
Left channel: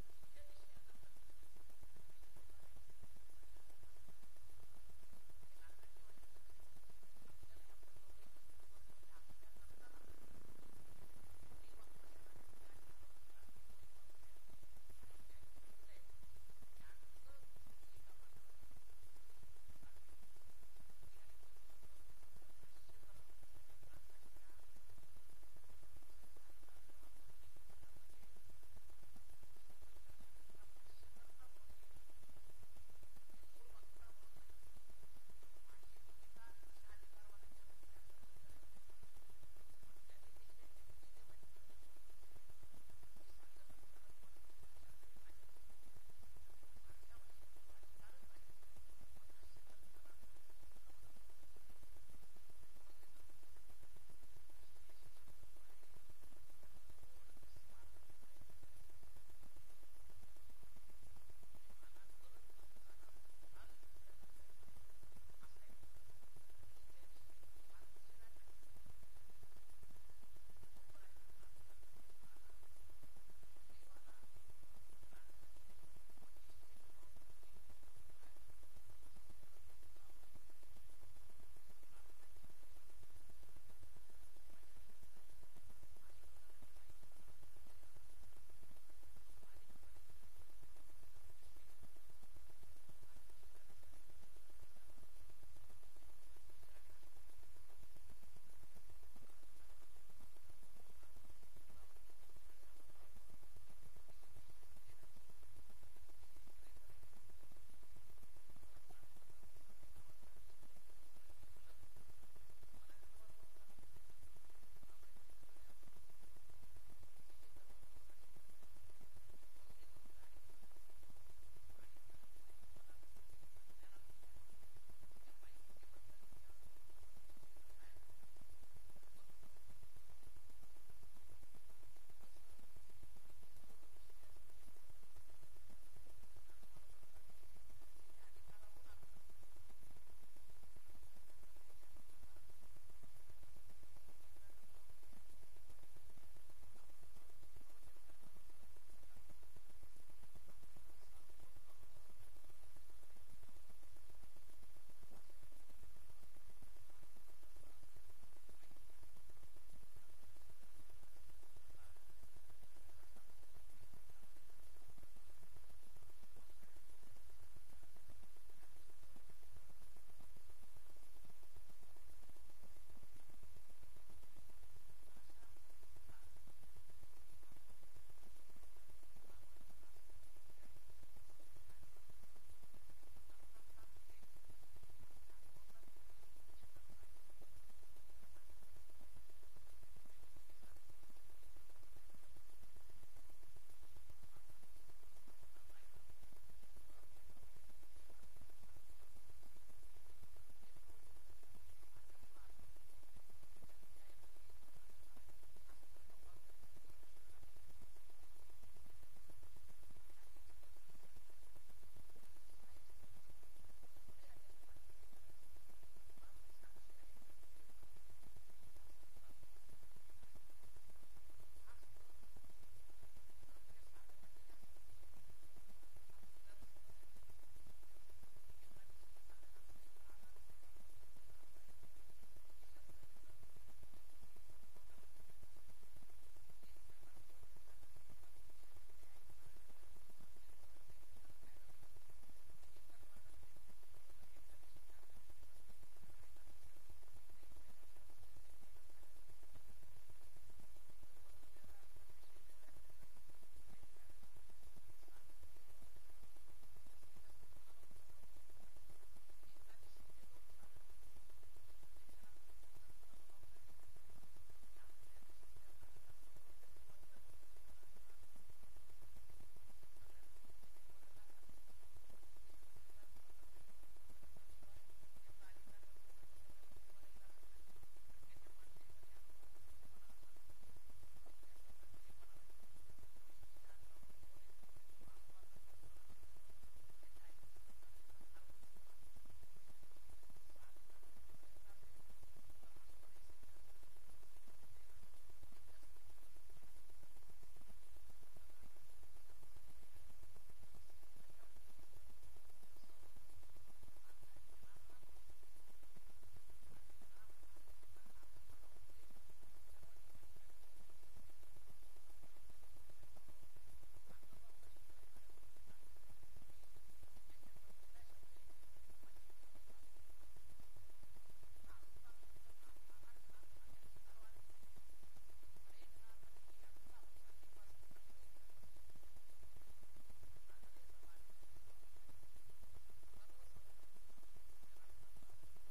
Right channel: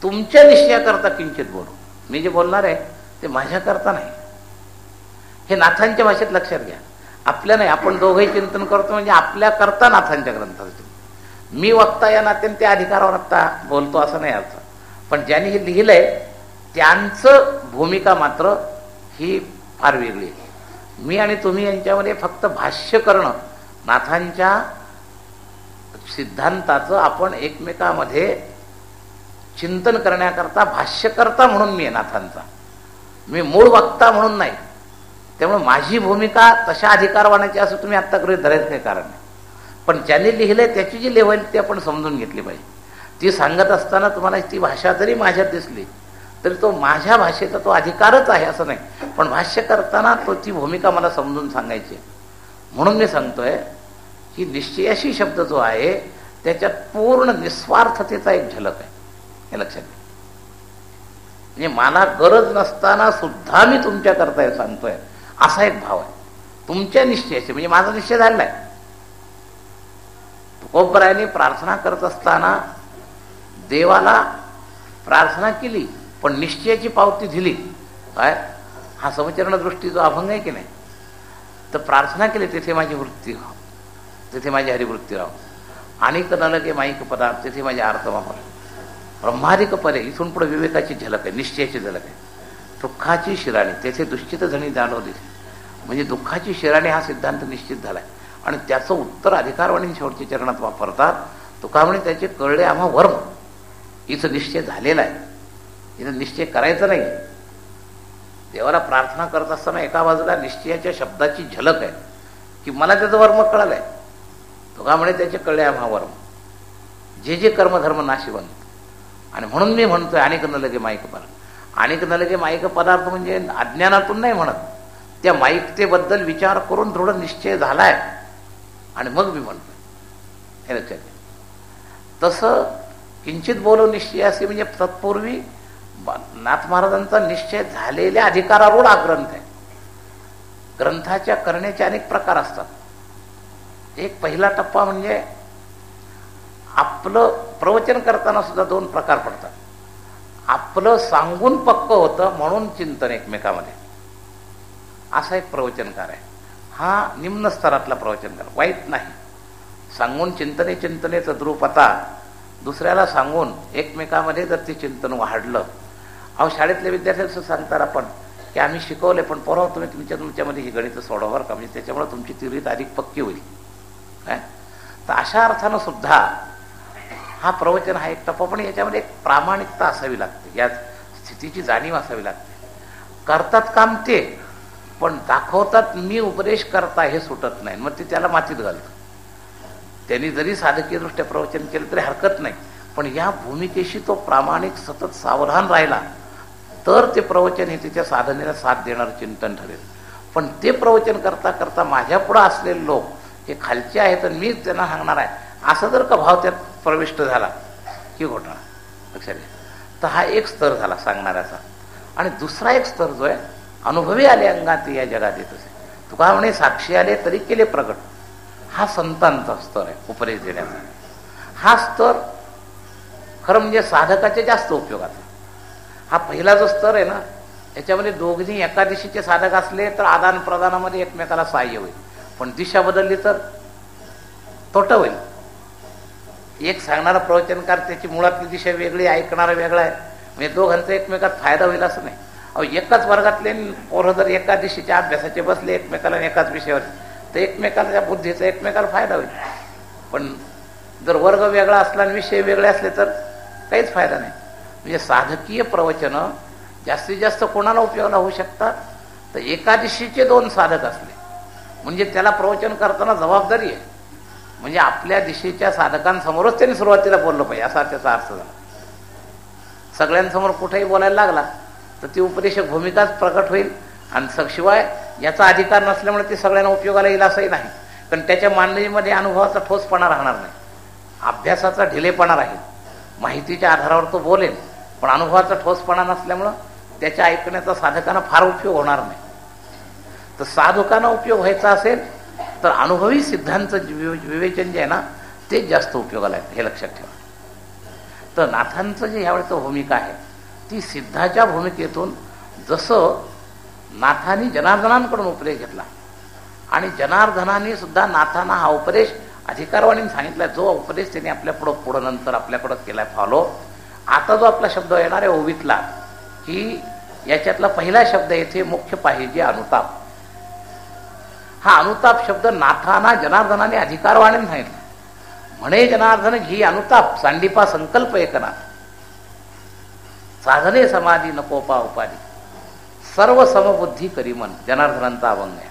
तुमच्या निश्चयाकरता किंचित बोलू. मी जे बोलणार आहे ते माझ्याकरता नाही. हे नाथांच्या भाषेत लक्षात घ्या. आपल्या नाही, आपण दोघंही चिंतन करतो म्हणजे आपल्याकरता नाथांच्या ग्रंथाचं. मी वक्ता या नात्याने त्या अधिकारावर आत्ता बोलतो असं नाही अर्थ. पण ज्यांनी हे लिहिलंय त्यांचं भूमिका मात्र ही फार वेगळी आहे. मी आणि तुम्ही यांच्यामध्ये फक्त भाष्य करणं, नाथांच्या सिद्धांताचं आपण एकमेकामध्ये चिंतन करण्याकरता भाष्यकर्ता म्हणून मी आहे नाथांचा. मी मूळ वक्ता म्हणून नाही. त्यामुळे माझी भूमिका तशा अधिकारवानाची असं तुम्ही आत्ता गृहीत धरायचं काही कारण नाही. पण ज्यांनी लिहिलंय त्याची जी लेवल ती आपण समजून घेतली पाहिजे. ती सांगत असताना तुम्हाला ती भाषा जरी माझ्यात दिसली तरी तो माझ्या भाषेचा तो अधिकारच आहे असं नाही. पण भाष्य करताना तो ती भूमिका मला समजून सांगायची. म्हणून मी सांगतोय की निश्चयाशी शब्द जो आहे त्याच्यात पूर्ण निस्वार्थतेचा एक झलक आहे. हे लक्षात घ्या. म्हणजे मला गरज नसताना सुद्धा मी तुमच्याकरता हे सांगतोय असा एक भाव आहे तुमच्या निश्चयाशी. म्हणजे माझा निश्चय झालेला आहे. तुकोबरायांनी प्रार्थना करत असताना देवाला प्रार्थना केली पण निश्चयाची पावती दिली. काय हा समचरण दृष्टी जो अभंग आहे की नाही, तर प्रार्थना केली तेथे माझी वृत्ती राहो, तेथे माझी हरिवृत्ती राहो. अनेक नलगे माईक पदार्थ तेथे माझे आर्तवापर ब्रह्मादिक परे. इथून पुढे विवेकाची झलक आहे, निश्चयाची झलक आहे. दुःखाची शिराणी तेथे दुश्चित जणी जाणवली. म्हणजे दुःखाची शिराणी हा सिद्धांत निश्चित झालाय आणि त्याचं उत्तर अधिकारवाणी शेवटच्या चरणात वापरतात. तुका म्हणे त्याचे कळले आम्हा वर्म. इथं निश्चय झालेला आहे, इथं निश्चय करायचा नाही. देवाला प्रार्थना करत असताना एका बाजूला निश्चयाच्या शब्दाची झलक आहे की मला त्याचं वर्म कळलंय. तुका म्हणे त्याचे कळले आम्हा वर्म, जे जे कर्मधर्म नाशिवंत. आणि म्हणून मी म्हणतोय अनेक न लगे माईक पदार्थ. अनेक न लगे माईक पदार्थ म्हणजे अज्ञानातून नाही म्हणत, त्या माईकतेबद्दल विचार करून दृढ निश्चय झालाय आणि मग मी म्हणतोय. हे लक्षात घ्या. तसं किंचित बोलो निश्चय असे म्हणजे तत्पूर्वी नाथ महाराजांचा निश्चय झालेल्या अधिकारारूढ हा ग्रंथ आहे. ग्रंथाच्या करण्याचे अनेक प्रकार असतात. एक पहिला टप्पा म्हणजे आपलं प्रवचन करताना सुद्धा 2 प्रकार पडतात. आपलं सांगून पक्क होतं म्हणून चिंतन एकमेकामध्ये, असा एक प्रवचनकार आहे. हा निम्न स्तरातला प्रवचनकार, वाईट नाही. सांगून चिंतनेचं द्रुपता दुसऱ्याला सांगून एकमेकामध्ये जर ते चिंतन वाढलं. अहो शाळेतल्या विद्यार्थ्यांचं सांगतात आपण की आम्ही शिकवले पण पोरं तुम्ही तुमच्यामध्ये ही गणितं सोडवा बरं का, म्हणजे त्याच्यामुळे तुमची ती रीत अधिक पक्की होईल. काय तर अशा अर्थानं सुद्धा हा प्रवचन हा एक टप्पा. पण याच्यामध्ये एक प्रामाणिकता असावी लागते, या स्थितीची जाणीव असावी लागते. करतात काम ते, पण दाखवतात मी उपदेश करता हे सुटत नाही. मग ते त्याला मातीत घालतं. त्यांनी जरी साधकीयदृष्ट्या प्रवचन केलं तरी हरकत नाही, पण या भूमिकेशी तो प्रामाणिक सतत सावधान राहिला तर ते प्रवचन हे त्याच्या साधनेला साथ देणारं चिंतन ठरेल. पण ते प्रवचन करता करता माझ्या पुढं असलेले लोक हे खालचे आहेत आणि मीच त्यांना सांगणार आहे असं जर का भाव त्यात प्रविष्ट झाला की घोटाळा. लक्षात घ्या. तर हा एक स्तर झाला सांगणाऱ्याचा. आणि दुसरा एक स्तर जो आहे अनुभवी आले अंगात या जगात येत असे. तुका म्हणे साक्षी आले तरी केले प्रगट. हा संतांचा स्तर आहे उपदेश देण्याचा. हा स्तर खरं म्हणजे साधकाच्या जास्त उपयोगाचा. हा पहिला जो स्तर आहे ना याच्यामध्ये दोघी एका दिशेचे साधक असले तर आदान प्रदानामध्ये एकमेकाला सहाय्य होईल. पण दिशा बदलली तर तोटा होईल. एक सांगणारा प्रवचनकार त्याची मुळातली दिशा वेगळी, ऐकणारा वेगळा आहे, म्हणजे दोघांचा एकमेकात फायदा होईल असं नाही. अहो एकाच वर्गातले पोरं जर एका दिशेच्या अभ्यासाचे बसले एकमेकाला एकाच विषयावर तर एकमेकाला त्या बुद्धीचा एकमेकाला फायदा होईल. पण जर वर्ग वेगळा असला आणि विषय वेगळे असले तर काहीच फायदा नाही. म्हणजे साधकीय प्रवचनं जास्तीत जास्त कोणाला उपयोगाला होऊ शकतात तर एका दिशेचे 2 साधक असले म्हणजे त्याला प्रवचन करताना जबाबदारी आहे. म्हणजे आपल्या दिशेच्या साधकांसमोरच त्यांनी सुरुवातीला बोललं पाहिजे असा त्याचा अर्थ झाला. सगळ्यांसमोर कुठेही बोलायला लागला तर ती उपदेशक भूमिकाच प्रकट होईल. आणि शिवाय याचा अधिकार नसल्यामुळे ते सगळ्यांना उपयोगाला येईल असंही नाही. कारण त्याच्या मांडणीमध्ये अनुभवाचा ठोसपणा राहणार नाही, अभ्यासाचा ढिलेपणा राहील. माहितीच्या आधारावर तो बोलेल पण अनुभवाचा ठोसपणा नसल्यामुळं त्याच्या ऐकण्याचा साधकांना फार उपयोग होणार नाही. तर साधकांना उपयोग व्हायचा असेल तर अनुभवी सिद्धांचं विवेचन जे आहे ना तेच जास्त उपयोगाला आहे, हे लक्षात ठेवा. तर नाथांचं जे ह्यावेळेचं भूमिका आहे ती सिद्धाच्या भूमिकेतून, जसं नाथांनी जनार्दनांकडून उपदेश घेतला आणि जनार्दनाने सुद्धा नाथांना हा उपदेश अधिकारवाणीने सांगितला, जो उपदेश त्यांनी पुढं नंतर आपल्याकडं केलाय फॉलो. आता जो आपला शब्द येणार आहे ओवीतला, की याच्यातला पहिला शब्द येथे मुख्य पाहिजे अनुताप. हा अनुताप शब्द नाथांना जनार्दनाने अधिकारवाणीने सांगितला. म्हणे जनार्दन घी अनुताप, सांडीपा संकल्प एकनाथ, साधने समाधी नकोपा उपाधी, सर्व समबुद्धी करी मन. जनार्दनांचा अभंग आहे.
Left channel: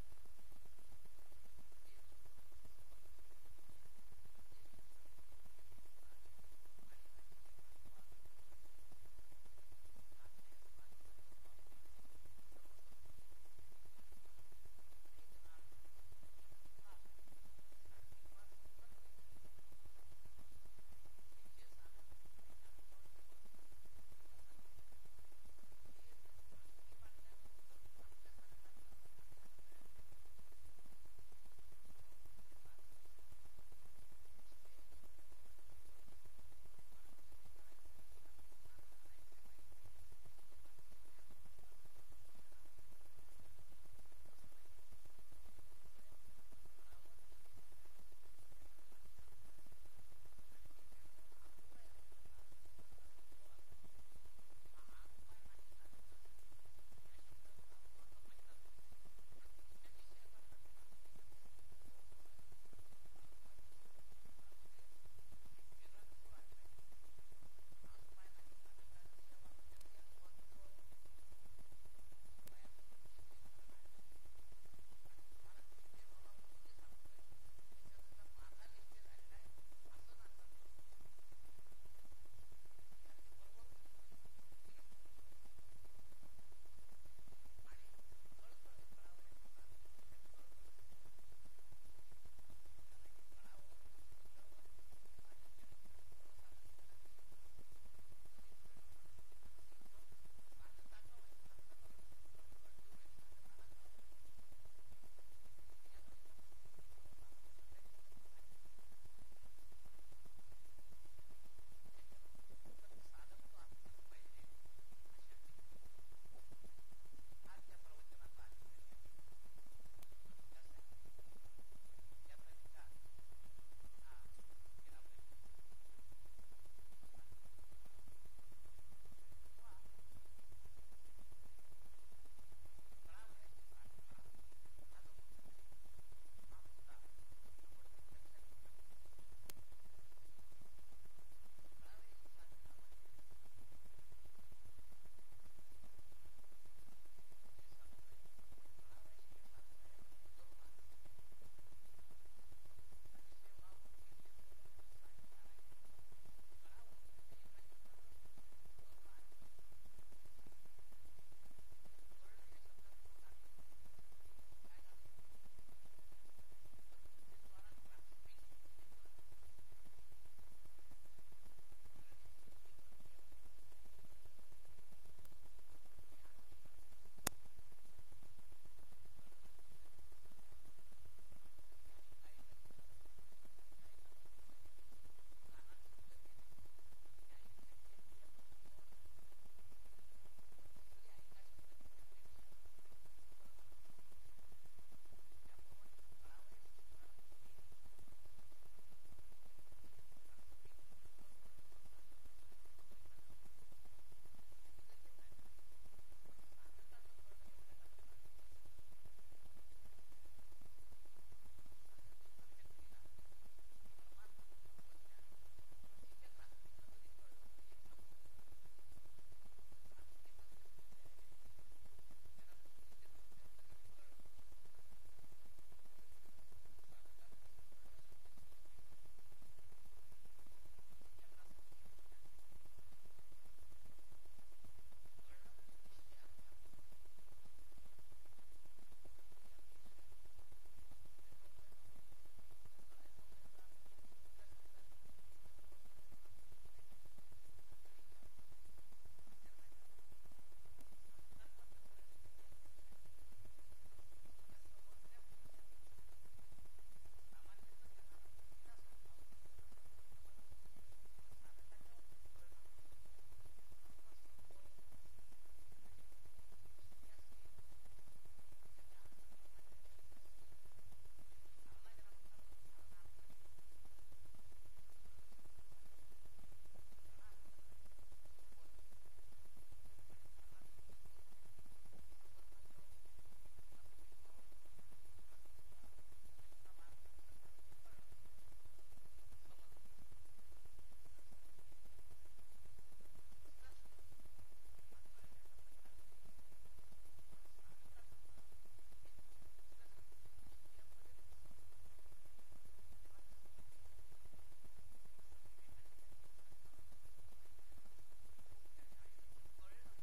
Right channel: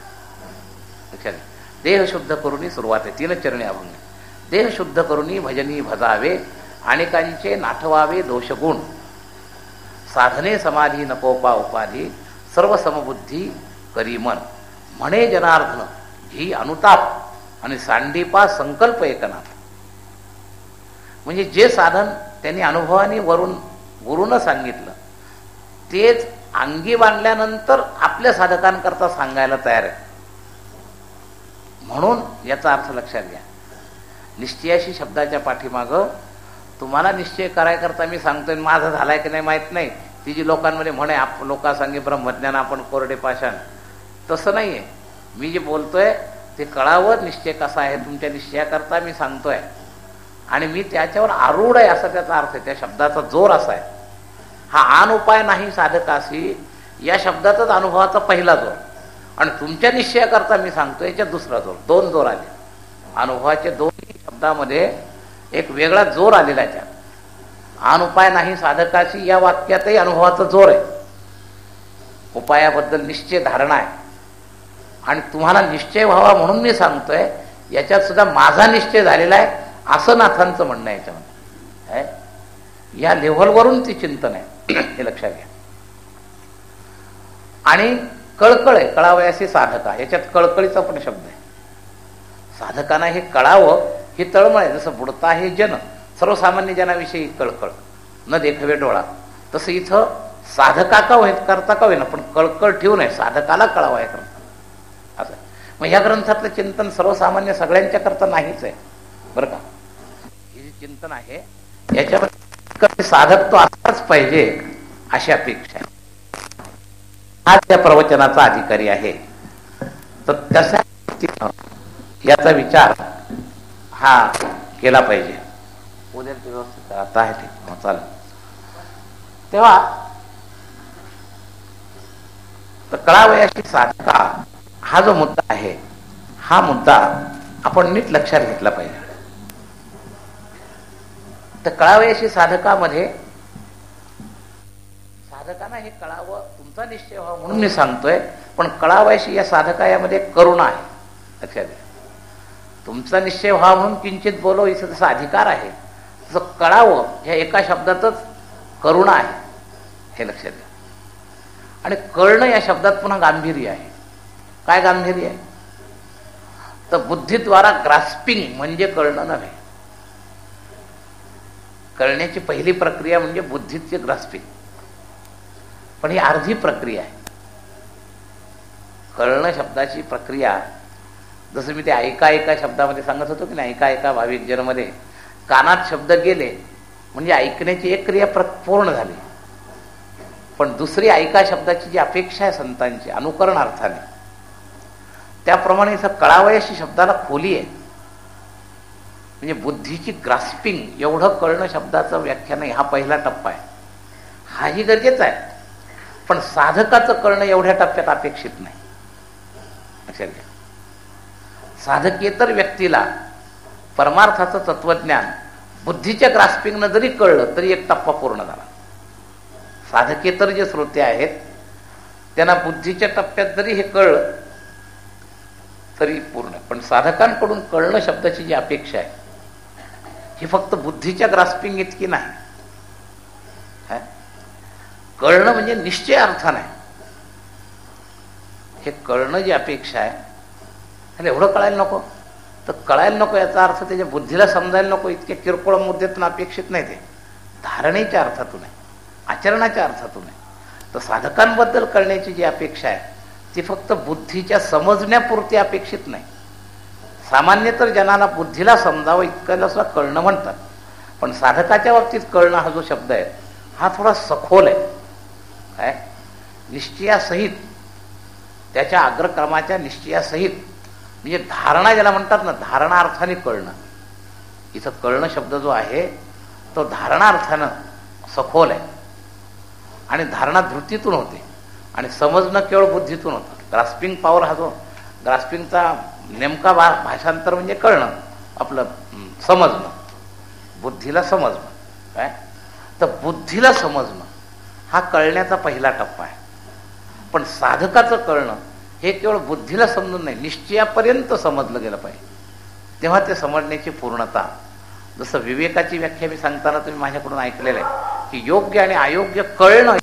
लक्षात घ्या. देह शुद्ध करुनी सुरुवात आहे, 3 चरणी अभंग. देह शुद्ध करुनी भजनी भजावे, अनेकांचे नाठवावे दोषगुण, साधने समाधी नकोपा उपाधी, सर्व समबुद्धी करी मन. म्हणे जनार्दन घी अनुताप आणि सांडीपा संकल्प एकनाथ. म्हणजे जे साधन त्यांनी अनुभवाने वरून गुरुनं सांगितलं तेच अंगी बांधल्यानंतर आपल्या साधकांकरता सांगायला तयार आहे. म्हणून याचा अर्थ लक्षात घ्या. निश्चयाशी शब्दाच्या पाठीमागं तुम्हाला निश्चय करायकरता मी सांगतोय, माझा झालाय की नाही माहीत नाही. ती जी लोकांमध्ये म्हणे लोका सांगे ब्रह्मज्ञान आपण कोरडे पाषाण, तसं नाही आहे. मी जे बोलतोय ते कळावं निश्चय कसा आहे तुमच्या निश्चयाकरता मी सांगतोय, आणि मी त्याच्यावर आरूढ आहे असा त्याचा अर्थ आहे. त्या शब्दाचा जोर असा आहे. हा आन उपाय नाही साधकाशी या शब्दाचाच अनुभवाचा पहिला जोर, आणि तुमच्या निश्चयाकरता मी सांगतोय याच्यात दुसरा जोर. 2 जोर आले अनुभवाचे. 2 शब्दामध्ये एक वेगळा जोर आलेला आहे. त्यात आन उपाय नाही साधकाशी या वाक्यातही अनुभवाचा जोर आहे. उपायाबद्दल निश्चय धारणा आहे, आणि तुम्हाला निश्चय व्हावा म्हणून मी सांगतोय, याच्यात सुद्धा माझा निश्चय झालेला आहे असं नाथांचं म्हणणं आहे याच्यामध्ये. या लेव्हलवरून ती चिंतन आहे, हे लक्षात घ्या. आणि कळकळ आहे, कळावयासी साधका, याच्यात कळकळीचा पण शब्द आहे. साधकांना हे कळावं ही तळमळ आहे. जसं बुडता हे जन, सर्वसामान्य जनाविषयी कळकळ, न देखवे डोळा, तसं इथं साधका का होईत करता का होईना पण कळकळ ठेवून आहे, साधकाला कळावं आहे करता असं. मग ह्या ग्रंथातलं चिंतन सर्वसामान्य सगळ्यांच्या करता नाहीच आहे बरं का. हे जे चिंतन आहे याच्यामध्ये साधक तो असलाच पाहिजे अशी अपेक्षा आहे. हा त्या प्रवचनाचा अधिकारी आहे, तर तशा याचा विचार हा केला पाहिजे. उद्या व्यवस्थित आता आहे ठीक चालेल. तेव्हा तर कळावयाची साधका हा जो मुद्दा आहे, हा मुद्दा आपण नीट लक्षात घेतला पाहिजे. तर कळावयाची साधकामध्ये साधकांना हे कळावं, तुमचा निश्चय व्हावा म्हणून मी सांगतोय, पण कळावयाशी या साधका यामध्ये करुणा आहे. लक्षात घ्या. तुमचा निश्चय व्हावा म्हणून किंचित बोलो याचा जसा अधिकार आहे, तसं कळावं ह्या एका शब्दातच करुणा आहे, हे लक्षात घ्या. आणि कळणं या शब्दात पुन्हा गांभीर्य आहे. काय गांभीर्य आहे? तर बुद्धीद्वारा ग्रास्पिंग म्हणजे कळणं नव्हे. कळण्याची पहिली प्रक्रिया म्हणजे बुद्धीची ग्रास्पिंग, पण ही अर्धी प्रक्रिया आहे. कळणं शब्दाची प्रक्रिया, जसं मी ते ऐका ऐका शब्दामध्ये सांगत होतो की नाही, ऐका ऐका भाविक जनमध्ये, कानात शब्द गेले म्हणजे ऐकण्याची एक क्रिया पूर्ण झाली, पण दुसरी ऐका शब्दाची जी अपेक्षा आहे संतांची अनुकरण अर्थाने, त्याप्रमाणे इथं कळावयाशी शब्दाला खोली आहे. म्हणजे बुद्धीची ग्रास्पिंग एवढं कळणं शब्दाचं व्याख्यान आहे. हा पहिला टप्पा आहे, हाही गरजेचा आहे, पण साधकाचं कळणं एवढ्या टप्प्यात अपेक्षित नाही. लक्षात घ्या. साधकेतर व्यक्तीला परमार्थाचं तत्वज्ञान बुद्धीच्या ग्रास्पिंगनं जरी कळलं तरी एक टप्पा पूर्ण झाला. साधकेतर जे श्रोते आहेत त्यांना बुद्धीच्या टप्प्यात जरी हे कळलं तरी पूर्ण. पण साधकांकडून कळणं शब्दाची जी अपेक्षा आहे ही फक्त बुद्धीच्या ग्रास्पिंग इतकी नाही. कळणं म्हणजे निश्चय अर्थ नाही. हे कळणं जी अपेक्षा आहे त्याला एवढं कळायला नको, तर कळायला नको याचा अर्थ त्याच्या बुद्धीला समजायला नको. इतके किरकोळ मुद्द्यातून अपेक्षित नाही, ते धारणेच्या अर्थातून आहे, आचरणाच्या अर्थातून आहे. तर साधकांबद्दल कळण्याची जी अपेक्षा आहे ती फक्त बुद्धीच्या समजण्यापुरती अपेक्षित नाही. सामान्य तर जनाला बुद्धीला समजावं इतकं सुद्धा कळणं म्हणतात, पण साधकाच्या बाबतीत कळणं हा जो शब्द आहे हा थोडा सखोल आहे. काय निश्चयासहित, त्याच्या अग्रक्रमाच्या निश्चयासहित, म्हणजे धारणा ज्याला म्हणतात ना, धारणा अर्थाने कळणं. इथं कळणं शब्द जो आहे तो धारणा अर्थानं सखोल आहे आणि धारणा धृतीतून होते आणि समजणं केवळ बुद्धीतून होतं. ग्रास्पिंग पॉवर हा जो ग्रास्पिंगचा नेमका भाषांतर म्हणजे कळणं, आपलं समजणं, बुद्धीला समजणं. काय तर बुद्धीला समजणं हा कळण्याचा पहिला टप्पा आहे. पण साधकाचं कळणं हे केवळ बुद्धीला समजून नाही, निश्चयापर्यंत समजलं गेलं पाहिजे, तेव्हा ते समजण्याची पूर्णता. जसं विवेकाची व्याख्या मी सांगताना तुम्ही माझ्याकडून ऐकलेलं आहे की योग्य आणि अयोग्य कळणं.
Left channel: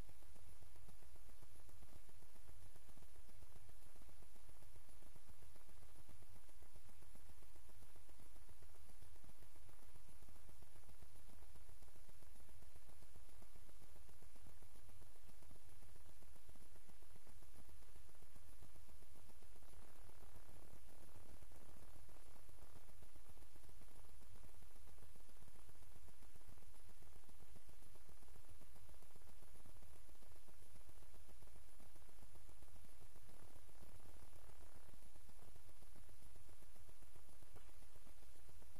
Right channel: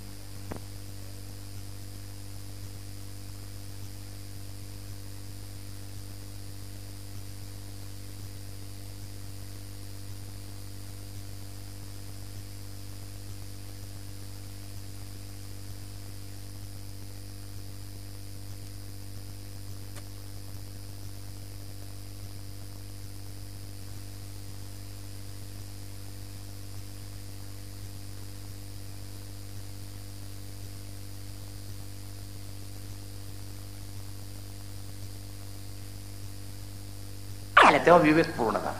तेव्हा विवेक पूर्ण झाला.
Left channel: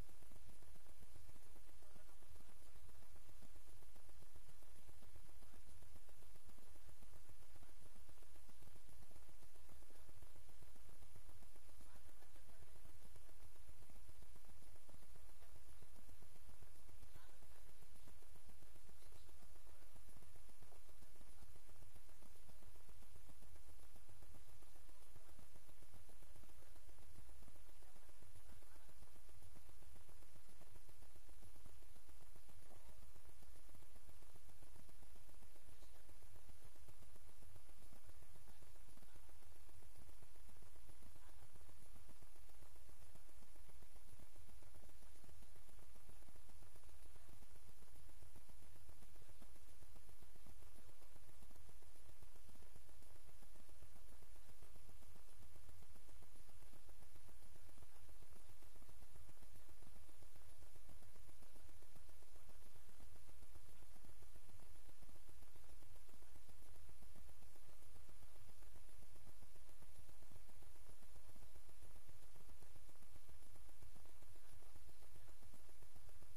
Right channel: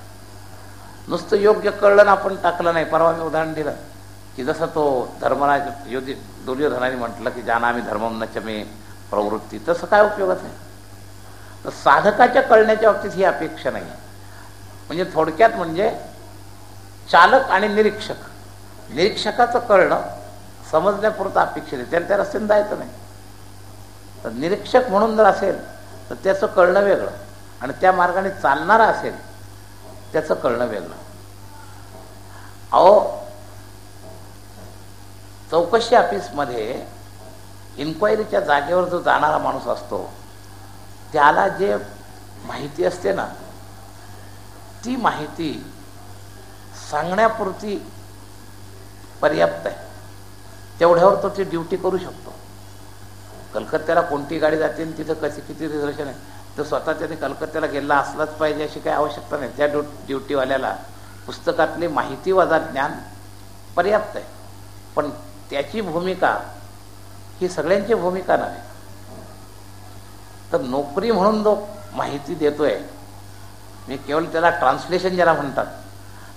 नुसतं योग्य कळलं ना आपण टाकलं नाही. परवा मी उदाहरण दिलं की जसं तो धर्मराज दुर्योधनाने म्हटलं की जानामि धर्मम न च मे प्रवृत्ती, तसं काय उपयोगाचं आहे. तर साधकाच्या कळण्याच्या बाबतीत ही अपेक्षा नाही. म्हणजे थोडक्यात म्हणजे चालक आणि निरीक्षक, निरीक्षकाचं कळणं समजण्यापुरतं अपेक्षित आहे, त्याला त्या रस्त्याने जायचं नाही. तर निरीक्षक म्हणून जर असेल तर त्याचं कळणं वेगळं आणि त्या मार्गाने चालणारा असेल त्याचं कळणं वेगळं. अहो, चौकशी ऑफिसमध्ये इन्क्वायरीच्या जागेवर जो जाणारा माणूस असतो त्याला जे माहिती असते ना, ती माहिती सांगण्यापुरती पर्याप्त आहे. तेवढ्यावर तो ती ड्युटी करू शकतो. कलकत्त्याला कोणती गाडी जाते आणि तिथं कशी किती रिझर्वेशन आहे, तर स्वतः त्याने कलकत्त्याला गेला असलाच पाहिजे अशी काही आवश्यकता नाही. त्या ड्युटीवाल्याला पुस्तकातली माहिती वजा ज्ञान पर्याप्त आहे. पण त्याची भूमिका ही सगळ्यांची भूमिका नव्हे. तर नोकरी म्हणून जो माहिती देतोय, मी केवळ त्याला ट्रान्सलेशन ज्याला म्हणतात,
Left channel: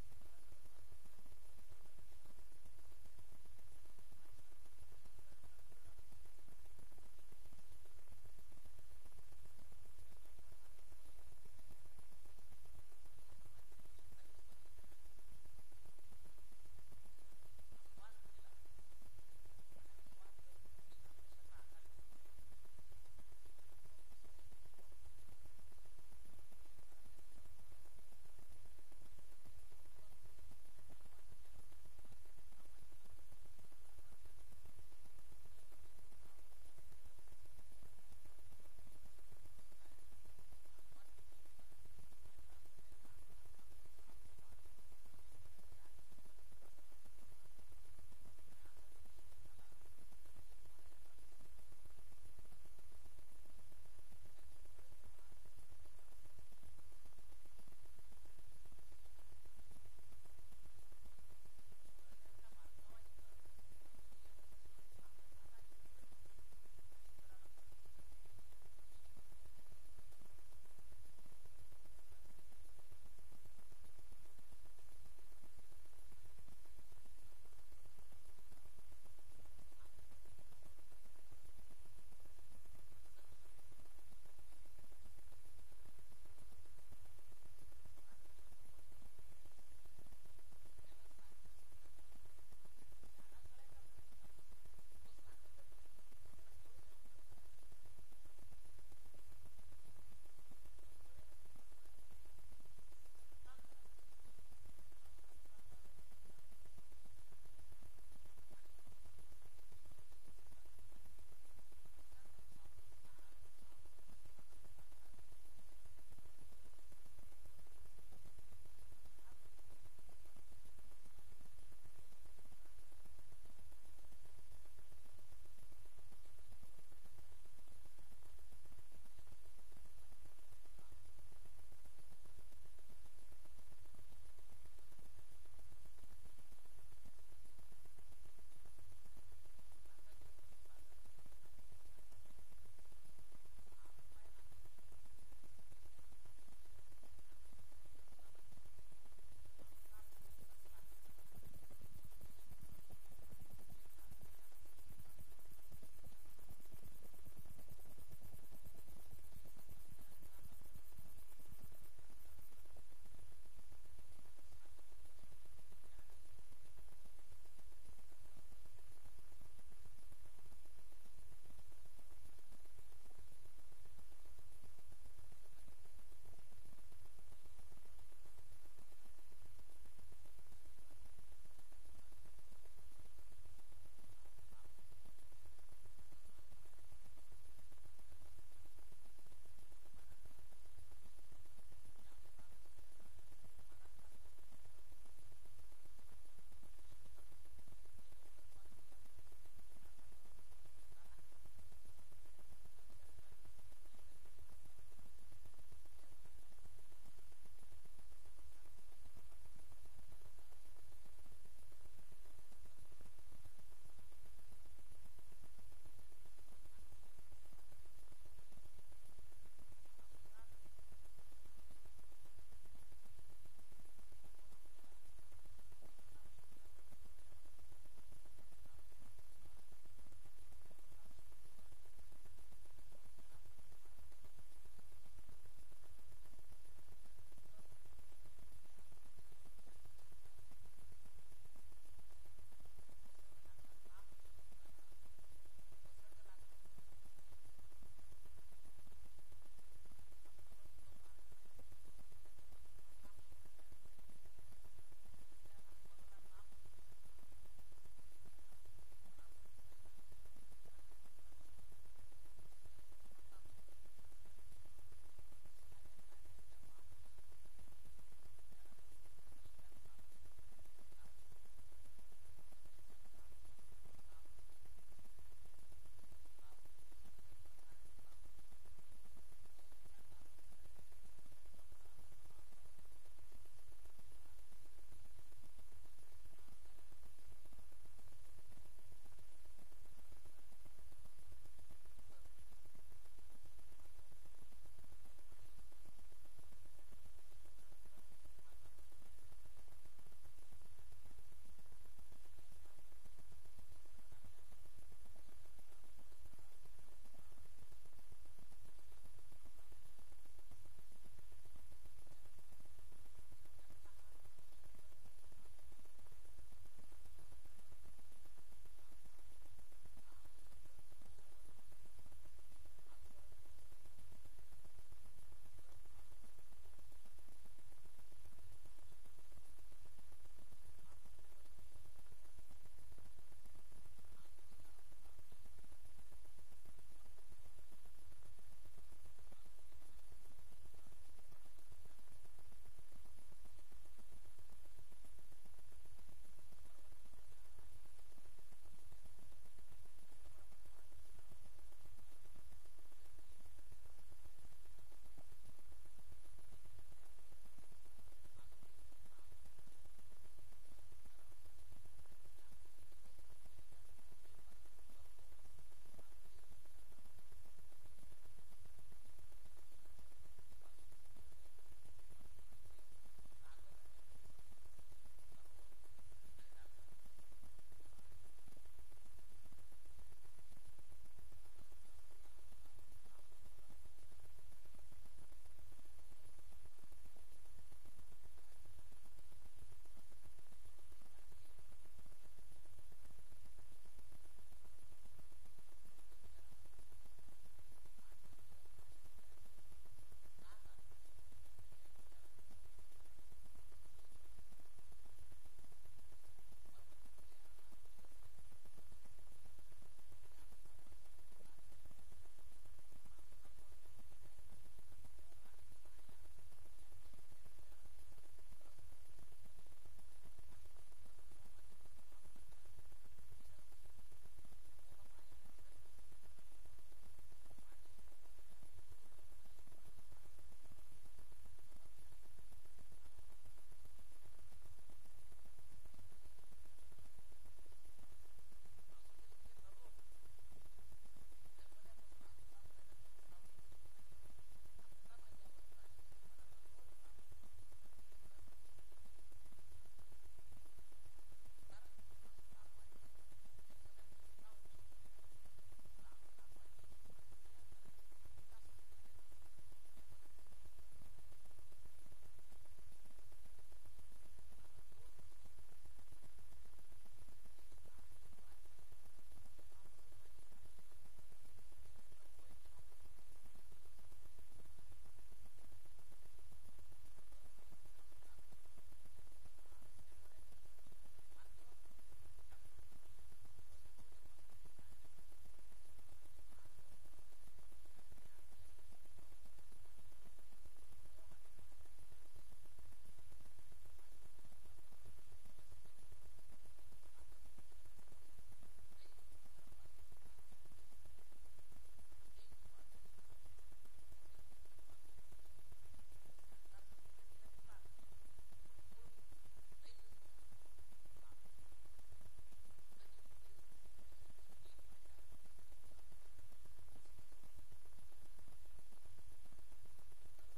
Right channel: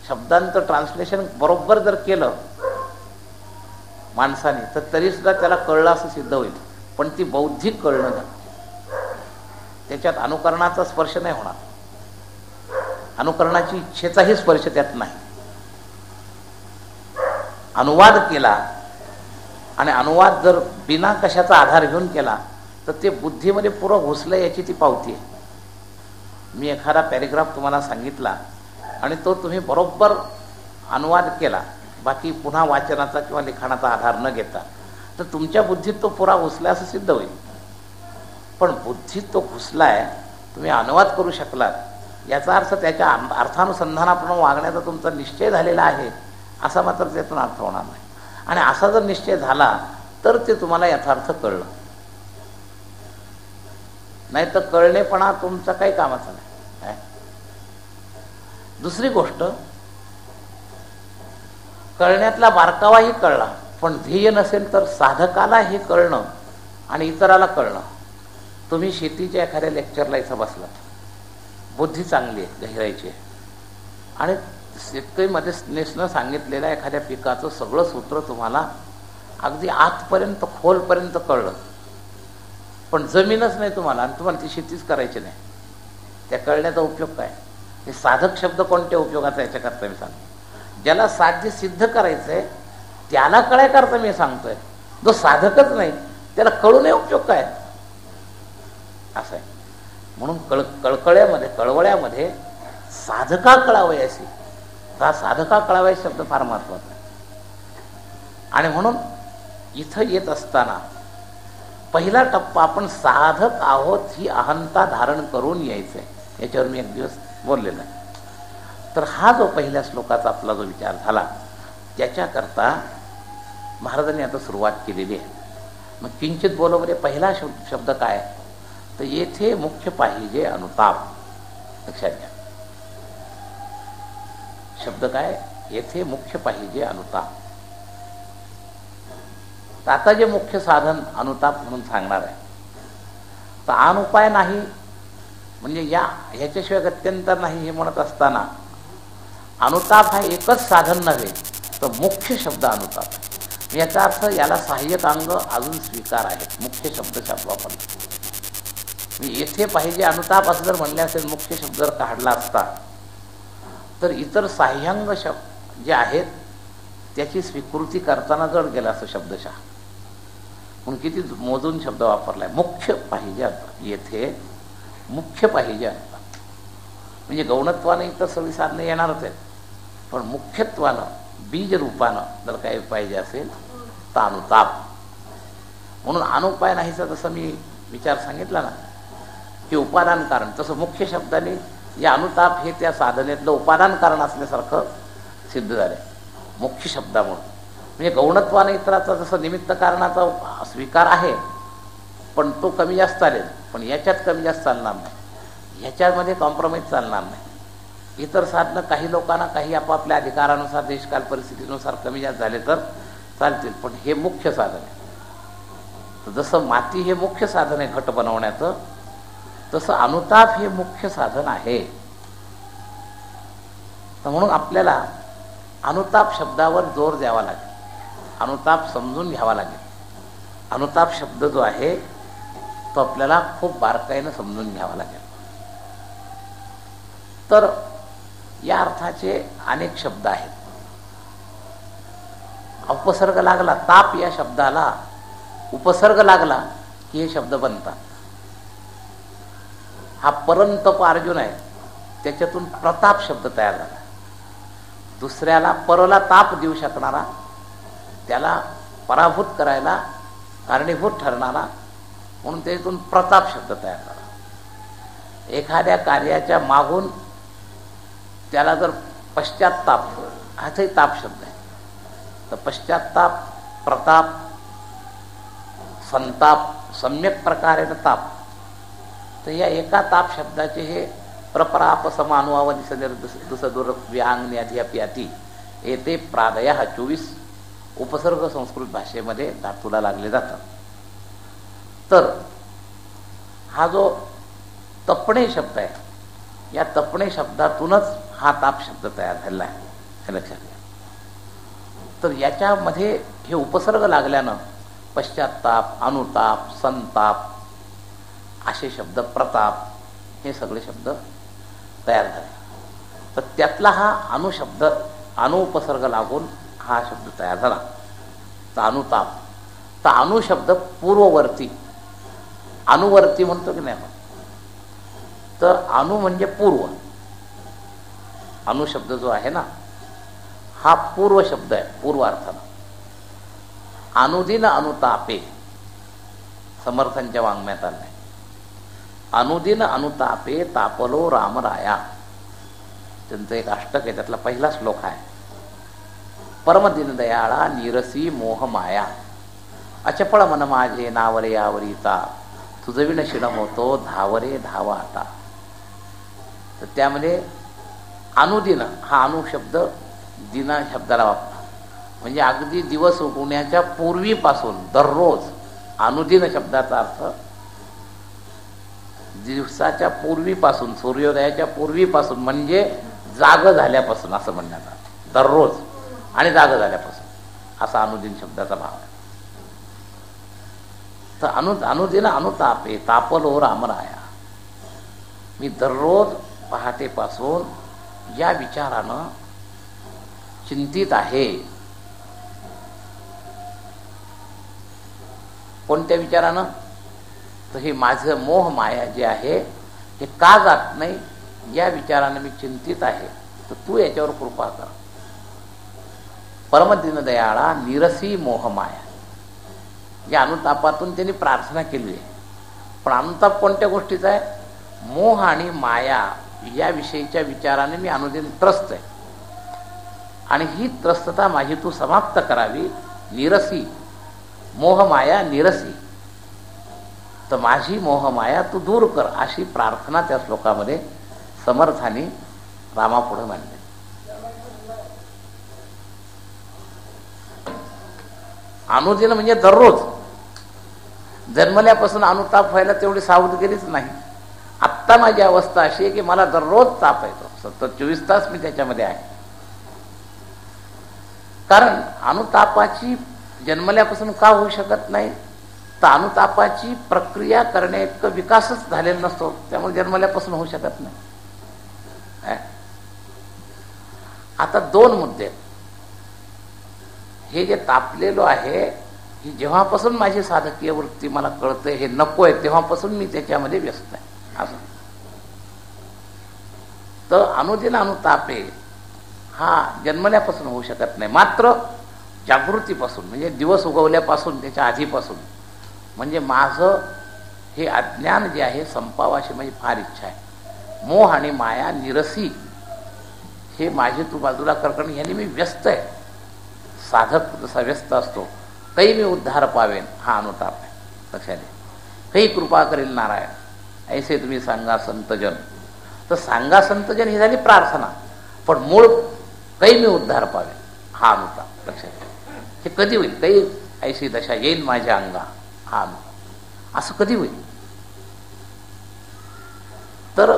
शब्दांचं ट्रान्सलेशन बरोबर जर केलं माणसाने तर तरीसुद्धा त्याला कळलं असं सिद्ध होईल. पण ती बौद्धिक कळणं झालं, त्याच्यात अनुकरणाचा स्पर्श नाही होणार, अनुकरणाची इच्छेचाही स्पर्श त्यात नाही. अनुवाद केला आणि अनुवाद जर बिना कशाचा आधार घेऊन केला तर ते बुद्धीमध्ये पुरं घुसलं याची ती पावती आहे. मी एखादा पॅरेग्राफ तुम्हाला सांगितला आणि तो तुम्ही बरोबर अनुवाद केला, बाकी पुन्हा वाचनाचा किंवा लिखाणाचा आधार न घेता, तर तुमच्या बुद्धीत तो पुरा घुसला असं सिद्ध होईल. पण बुद्धीत तो घुसलाय, तुम्ही अनुवाद करू शकलात, याचा अर्थ त्याच्या अर्थानुसंधानाप्रमाणे वागण्याचा तुमचा निश्चय झालेला आहे असा मात्र त्यातून अर्थ होणार नाही. आणि असा जर निश्चय झाला तर ते तुम्हाला यथार्थ कळलं, नाही तर कळणेपणा तुमचा काही कामाचा नाही. दुसरी गोष्ट, कळण्यातला बारकावाही कळला पण ध्येय नसेल तर साधकाला हे कळणं आणि इतराला कळणं. तुम्ही शेतीच्या एखाद्या लेक्चरला इथं बसलात, बुद्धी चांगली आहे, गहिरायची आहे, आणि शेतकरीमध्ये नेसनं सांगितलेल्या एखाद्या पिकाचं सगळं सूत्र तुम्हाला अगदी आतपर्यंत खोलपर्यंत कळलं, पण जमीनच नाही तुम्हाला आणि तुम्हाला ती शेतीच करायची नाही, त्या कळण्याचा उपयोग काय? हे साधक शब्द कोणत्या उपयोगाचा याच्याकरता मी सांगतो. ज्याला साध्य सिद्ध करायचं आहे त्याला कळायकरता मी सांगतोय. जो साधकच नाही त्याला कळू नये उपयोग काय असं आहे. म्हणून कळवळ्यामध्ये साधका कळावयासी, हा साधका कळावयासी शब्द फार महत्वाचा आहे. आणि म्हणून इथं येत असताना पहिला टप्पा आपण साधक आहोत ही अहंता धारण करून यायचंय. याच्यावर मी एक दिवस बोललेला आहे. तर हा जो पहिल्या श्लोकाचा आपला जो विचार झाला त्याच्याकरता महाराजांनी आता सुरुवात केलेली आहे. मग किंचित बोलवले पहिला शब्द काय, तर येथे मुख्य पाहिजे अनुताप. लक्षात घ्या, शब्द काय, येथे मुख्य पाहिजे अनुताप. तर आता जे मुख्य साधन अनुताप म्हणून सांगणार आहे, तर अनुपाय नाही म्हणजे ह्याच्याशिवाय गत्यंतर नाही हे म्हणत असताना अनुताप हा एकच साधन नव्हे तर मुख्य शब्द अनुताप. याचा अर्थ याला सहाय्यक अंग अजून स्वीकार आहेत. मुख्य शब्द वापरला, येथे पाहिजे अनुताप असं जर म्हणले असेल, मुख्य शब्द जर काढला असता, तर इतर सहाय्यांग शब्द जे आहेत त्याची स्वीकृती करताना जड गेला असं शब्दशः. म्हणून किती मोजून शब्द वापरलाय. मुख्य पाहिजे अनुताप, येथे मुख्य पाहिजे अनुताप. म्हणजे गौणत्वानं इतर सगळी साधनं येणारच आहेत, पण मुख्यत्वानं बीज रूपानं जर काही पाहिजे असेल तर अनुताप. म्हणून अनुपाय नाहीचा जसं मी विचार सांगितला ना की उपादान कारण, तसं मुख्य शब्दाने या अनुताप हे त्या साधनेतलं उपादान कारण असल्यासारखं सिद्ध झालं मुख्य शब्दामुळे. म्हणजे गौणत्वानं इतराचा जसं निमित्त कारणाचा स्वीकार आहे, पण तो कमी जास्त चालेल, पण याच्यात कमी जास्त चालणार नाही, ह्याच्यामध्ये कॉम्प्रोमाइज चालणार नाही. इतर साधनं काही लोकांना काही आपापल्या अधिकारानुसार देशकाल परिस्थितीनुसार कमी जास्त झाले तर चालतील, पण हे मुख्य साधन आहे. तर जसं माती हे मुख्य साधन आहे घट बनवण्याचं, तसं अनुताप हे मुख्य साधन आहे. तर म्हणून आपल्याला अनुताप शब्दावर जोर द्यावा लागेल, अनुताप समजून घ्यावा लागेल. अनुताप शब्द जो आहे तो आपल्याला खूप बारकाईनं समजून घ्यावा लागेल. तर या अर्थाचे अनेक शब्द आहेत. उपसर्ग लागला, ताप या शब्दाला उपसर्ग लागला की हे शब्द बनतात. हा परंतप अर्जुन आहे, त्याच्यातून प्रताप शब्द तयार झाला. दुसऱ्याला परला ताप देऊ शकणारा, त्याला पराभूत करायला कारणीभूत ठरणारा, म्हणून त्यातून प्रताप शब्द तयार झाला. एखाद्या कार्याच्या मागून त्याला जर पश्चात्ताप, हाही ताप शब्द आहे, तर पश्चात्ताप, प्रताप, संताप, सम्यक प्रकारे ताप. तर या एका ताप शब्दाचे हे प्रपराप समानुवादी सदर व्यांग अध्याप्याती येथे प्रादय 24 उपसर्ग संस्कृत भाषेमध्ये धातूला लागले जातात. तर हा जो तपणे शब्द आहे, या तपणे शब्दातूनच हा ताप शब्द तयार झालेला आहे, हे लक्षात घ्या. तर याच्यामध्ये हे उपसर्ग लागल्यानं पश्चात्ताप, अनुताप, संताप असे शब्द, प्रताप, हे सगळे शब्द तयार झाले. तर त्यातला हा अनुशब्द, अनुपसर्ग लागून हा शब्द तयार झाला, तर अनुताप. तर अनुशब्द पूर्ववर्ती, अनुवर्ती म्हणतो की नाही आपण, तर अनु म्हणजे पूर्व. अनुशब्द जो आहे ना हा पूर्व शब्द आहे, पूर्व अर्थानं. अनुदिन अनुतापे समर्थांच्या वाङ्मयात आलं आहे. अनुदिन अनुतापे तापलो रामराया, त्यांचं एक अष्टक आहे, त्यातला पहिला श्लोक आहे. परमदिन दयाळा निरसी मोह माया, अचपळ मन माझे नावरे यावरीता, तुझविण शिण होतो धावरे धावा आता. तर त्यामध्ये अनुदिन हा अनुशब्द दिना शब्दाला वापरा, म्हणजे अगदी दिवस उगवण्याच्या पूर्वीपासून दररोज. अनुदिन शब्दाचा अर्थ दिवसाच्या पूर्वीपासून, सूर्योदयाच्या पूर्वीपासून, म्हणजे जाग झाल्यापासून असं म्हणण्यात आलं. दररोज आणि जाग झाल्यापासून असा अनुदिन शब्दाचा भाव आहे. तर अनुदिन अनुतापे तापलो रामराया, मी दररोज पहाटेपासून या विचारानं चिंतित आहे. कोणत्या विचारानं? तर हे माझं मोह माया जे आहे हे का जात नाही, या विचारानं मी चिंतित आहे. तर तू याच्यावर कृपा कर. परमदिन दयाळा निरसी मोह माया, या अनुतापातून त्यांनी प्रार्थना केली आहे. पण अनुताप कोणत्या गोष्टीचा आहे? मोह आणि माया या विषयीच्या विचाराने मी अनुदिन त्रस्त आहे, आणि ही त्रस्तता माझी तू समाप्त करावी. निरसी मोहमाया निरसी, तर माझी मोहमाया तू दूर कर, अशी प्रार्थना त्या श्लोकामध्ये समर्थांनी रामापुढे मांडली. अनुदिन म्हणजे दररोज. जन्मल्यापासून अनुताप व्हायला तेवढी सावधगिरीच नाही. आत्ता माझी अवस्था अशी आहे की मला दररोज ताप येतो, सतत 24 तास मी त्याच्यामध्ये आहे. कारण अनुतापाची जन्मल्यापासून का होऊ शकत नाही, तर अनुतापाची प्रक्रिया करण्या इतकं विकासच झालेला नसतो, त्यामुळे जन्मल्यापासून होऊ शकत नाही. आता 2 मुद्दे. हे जे तापलेलो आहे, ही जेव्हापासून माझी साधकीय वृत्ती मला कळते हे नको आहे, तेव्हापासून मी त्याच्यामध्ये व्यस्त आहे. असं तर अनुदिन अनुतापे हा जन्मल्यापासून होऊ शकत नाही, मात्र जागृतीपासून म्हणजे दिवस उगवल्यापासून, त्याच्या आधीपासून, म्हणजे माझं हे अज्ञान जे आहे संपावं अशी माझी फार इच्छा आहे. मोह आणि माया निरसी, हे माझे तू बाजूला करणे, ह्याने मी व्यस्त आहे. साधक जसा व्यस्त असतो, काही मी उद्धार पावेन, हा अनुताप आहे. लक्षात घ्या. काही कृपा करेल नारायण, ऐसे तुम्ही सांगा संतजन. तर सांगा संतजन ही झाली प्रार्थना, पण मूळ काही मी उद्धार पावेन, हा अनुताप. लक्षात घ्या. हे कधी होईल? काही ऐशी दशा येईल माझ्या अंगा, हा अनुताप. असं कधी होईल? तर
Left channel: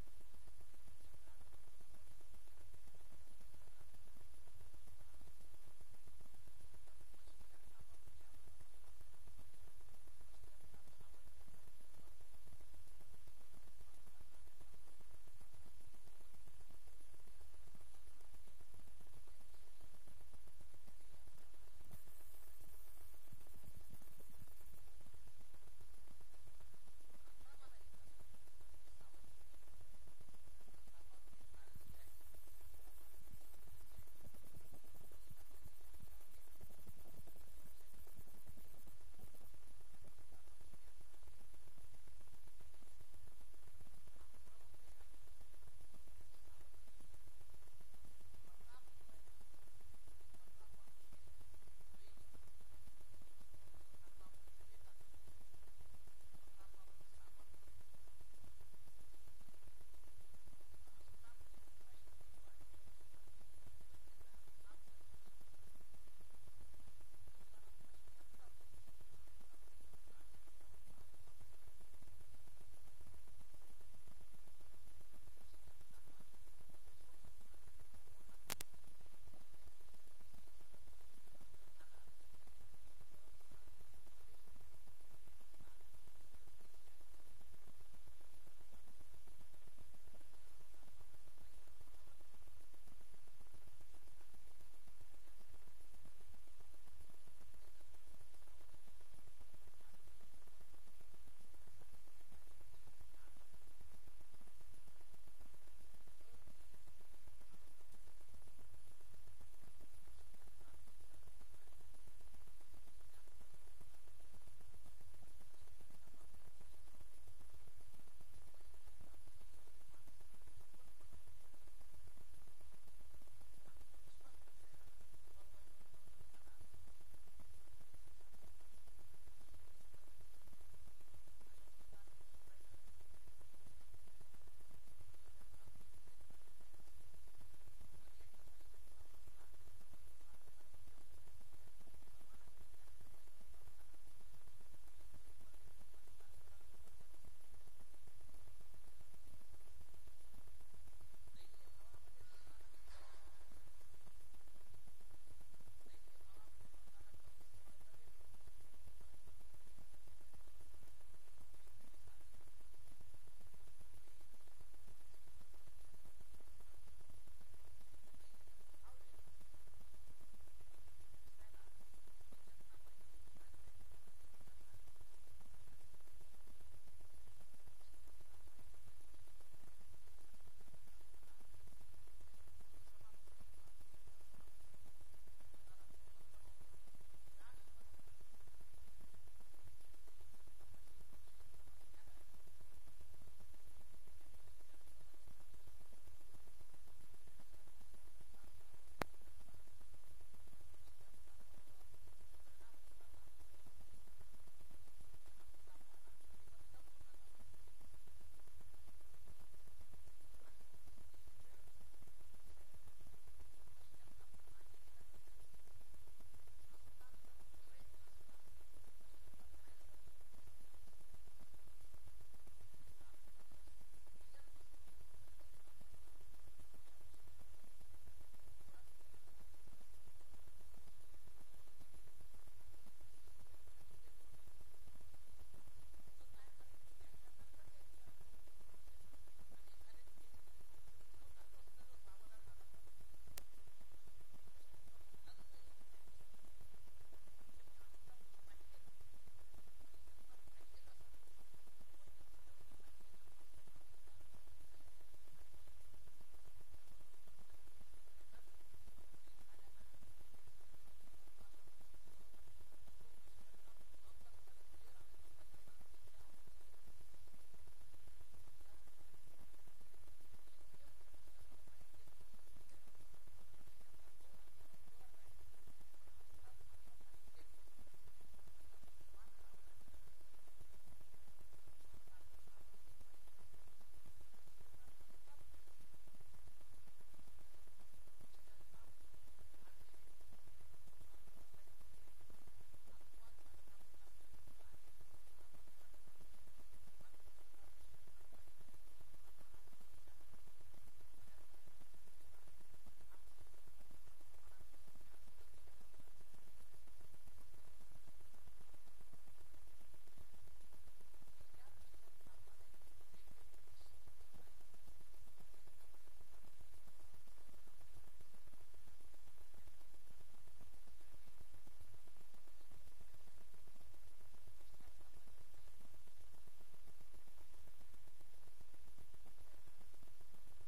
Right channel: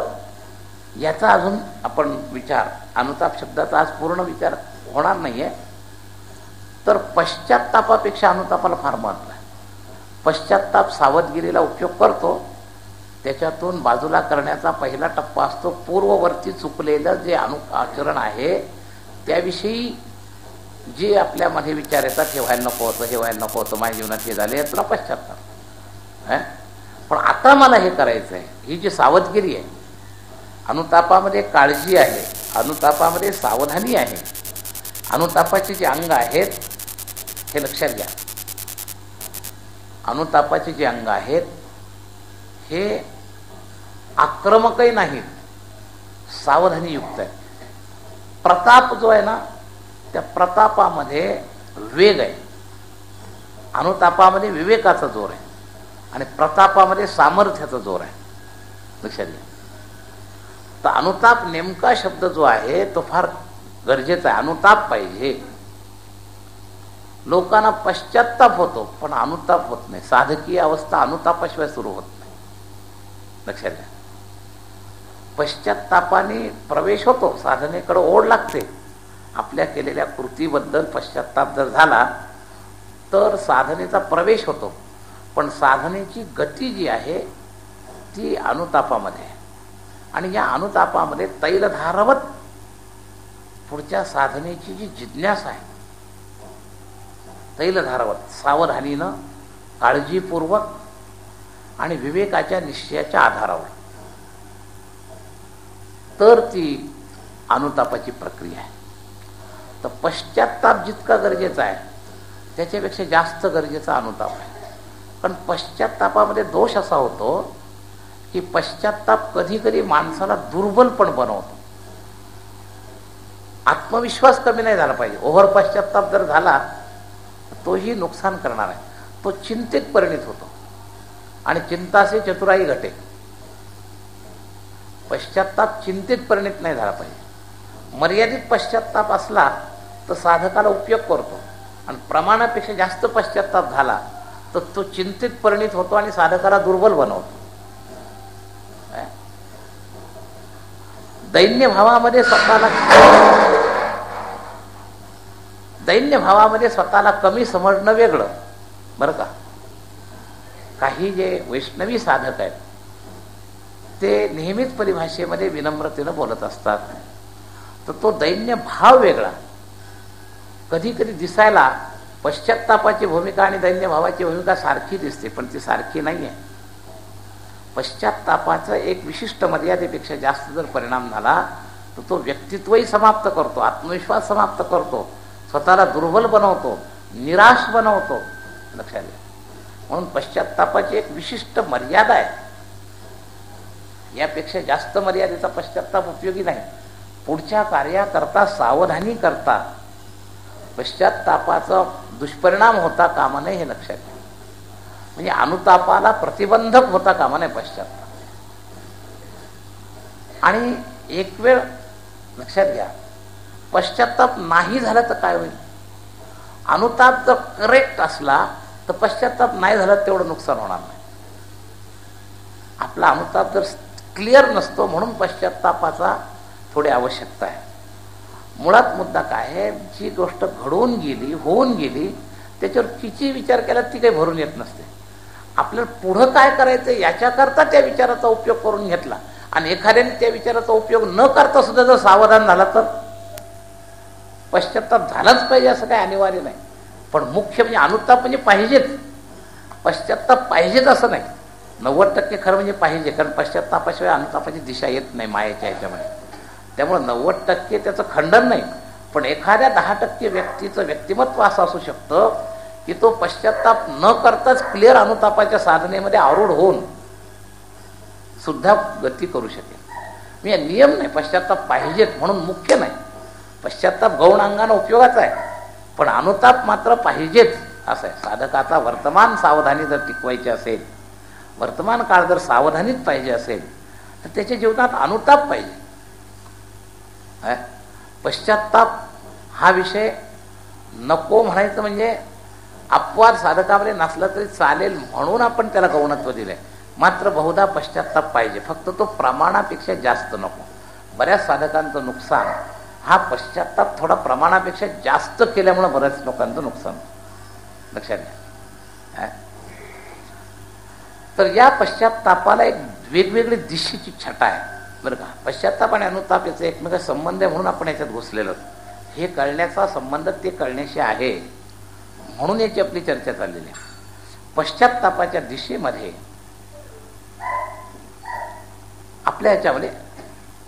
याचा अजून आपण विचार, अनुताप शब्दाचा आज पूर्ण विचार होणार नाहीये. तर पश्चात्तापापेक्षा अनुतापाला फार महत्व आहे. पश्चात्ताप सावधगिरीला उपयोग करतो, त्याच्यातून बाजूला करण्याचा पहिला टप्पा असतो पूर्ववर्ती चुकलेलं जे आचरण आहे त्याविषयी जे आपल्यामध्ये विचार येतात, हे व्हायला नको होतं, हे व्हायला नको होतं, माझ्या जीवनात हे झाले, यातला पश्चात्ताप. पण आता मला हे करायचं आहे, ही जी सावधगिरी आहे. अनुतापामध्ये काळजी आहे, अनुतापामध्ये सावधानी आहे. अनुतापाचे जे अंग आहेत हे लक्षात घ्या. अनुतापाचे जे अंग आहेत हे आक्रमकही नाहीत, सावधानीयुक्त आहेत. प्रताप जो आहे ना, त्या प्रतापामध्ये वेग आहे. अनुतापामध्ये विवेकाचा जोर आहे आणि प्रतापामध्ये सामर्थ्याचा जोर आहे. लक्षात घ्या. तर अनुताप नेमका शब्द जो आहे तो फार गरजेचा आहे. अनुताप पाहिजे. लोकांना पश्चात्ताप होतो पण अनुताप होत नाही. साधकीय अवस्था अनुतापाशिवाय सुरू होत नाही. लक्षात घ्या. पश्चात्तापाने प्रवेश होतो, साधनेकडे ओढ लागते. आपल्या केलेल्या कृतीबद्दल पश्चात्ताप जर झाला तर साधनेचा प्रवेश होतो, पण साधनेची गती जी आहे ती अनुतापामध्ये आहे. आणि या अनुतापामध्ये तैलधारवत पुढच्या साधनेची जी जिज्ञासा आहे, तैलधारवत सावधानीनं, काळजीपूर्वक आणि विवेकाच्या निश्चयाच्या आधारावर, तर ती अनुतापाची प्रक्रिया आहे. तर पश्चात्ताप जितका गरजेचा आहे त्याच्यापेक्षा जास्त गरजेचा अनुताप आहे. पण पश्चात्तापामध्ये दोष असा होतो की पश्चात्ताप कधी कधी माणसाला दुर्बल पण बनवतो. आत्मविश्वास कमी नाही झाला पाहिजे. ओव्हर पश्चात्ताप जर झाला तोही नुकसान करणार आहे. तो चिंतेत परिणित होतो आणि चिंता से चतुराई घटे. पश्चात्ताप चिंतेत परिणित नाही झाला पाहिजे. मर्यादित पश्चात्ताप असला तर साधकाला उपयोग करतो, आणि प्रमाणापेक्षा जास्त पश्चात्ताप झाला तर तो चिंतेत परिणित होतो आणि साधकाला दुर्बल बनवतो. दैन्य भावामध्ये स्वतःला कमी समजणं वेगळं बरं का. काही जे वैष्णवी साधक आहेत ते नेहमीच परिभाषेमध्ये विनम्रतेनं बोलत असतात, तर तो दैन्य भाव वेगळा. कधी कधी दिसायला पश्चात्तापाची भूमिका आणि दैन्य भावाची भूमिका सारखी दिसते, पण ती सारखी नाही आहे. पश्चात्तापाचा एक विशिष्ट मर्यादेपेक्षा जास्त जर परिणाम झाला तर तो व्यक्तित्वही समाप्त करतो, आत्मविश्वास समाप्त करतो, स्वतःला दुर्बल बनवतो, निराश बनवतो. लक्षात घ्या. म्हणून पश्चात्तापाची एक विशिष्ट मर्यादा आहे. यापेक्षा जास्त मर्यादेचा पश्चात्ताप उपयोगी नाही. पुढच्या कार्याकरता सावधानी करता पश्चात्तापाचा दुष्परिणाम होता कामा नये हे लक्षात घ्या. म्हणजे अनुतापाला प्रतिबंधक होता कामा नये पश्चात्ताप. आणि एक वेळ लक्षात घ्या, पश्चात्ताप नाही झाला तर काय होईल? अनुताप जर करेक्ट असला तर पश्चात्ताप नाही झाला तेवढं नुकसान होणार नाही. आपला अनुताप जर क्लिअर नसतो म्हणून पश्चात्तापाचा थोडी आवश्यकता आहे. मुळात मुद्दा काय आहे, जी गोष्ट घडून गेली, होऊन गेली, त्याच्यावर किती विचार केला ती काही भरून येत नसते. आपल्याला पुढं काय करायचं याच्याकरता त्या विचाराचा उपयोग करून घेतला आणि एखाद्याने त्या विचाराचा उपयोग न करता सुद्धा जर सावधान झाला तर पश्चात्ताप झालाच पाहिजे असं काही अनिवार्य नाही. पण मुख्य म्हणजे अनुताप म्हणजे पाहिजेच, पश्चात्ताप पाहिजेच असं नाही. 90% खरं म्हणजे पाहिजे, कारण पश्चात्तापाशिवाय अनुतापाची दिशा येत नाही मायेच्या ह्याच्यामध्ये. त्यामुळे 90% त्याचं खंडन नाही. पण एखाद्या 10% व्यक्तीचं व्यक्तिमत्व असं असू शकतं की तो पश्चात्ताप न करताच क्लिअर अनुतापाच्या साधनेमध्ये आरूढ होऊन सुद्धा गती करू शकेल. मी नियम नाही, पश्चात्ताप पाहिजेत म्हणून मुख्य नाही. पश्चात्ताप गौण अंगानं उपयोगाचा आहे, पण अनुताप मात्र पाहिजेच असं आहे. साधकाचा वर्तमान सावधानी जर टिकवायची असेल, वर्तमान काळ जर सावधानीत पाहिजे असेल तर त्याच्या जीवनात अनुताप पाहिजे. पश्चात्ताप हा विषय नको म्हणायचं म्हणजे अपवाद साधकामध्ये नसला तरी चालेल म्हणून आपण त्याला गौणत्व दिलंय. मात्र बहुधा पश्चात्ताप पाहिजे, फक्त तो प्रमाणापेक्षा जास्त नको. बऱ्याच साधकांचं नुकसान हा पश्चात्ताप थोडा प्रमाणापेक्षा जास्त केल्यामुळे बऱ्याच लोकांचं नुकसान लक्षात घ्या. तर या पश्चात्तापाला एक वेगवेगळी दिशेची छटा आहे बरं का. पश्चात्ताप आणि अनुताप याचा एकमेका संबंध आहे म्हणून आपण याच्यात घुसलेलो. हे कळण्याचा संबंध ते कळण्याशी आहे म्हणून याची आपली चर्चा चाललेली आहे. पश्चात्तापाच्या दिशेमध्ये आपल्या याच्यामध्ये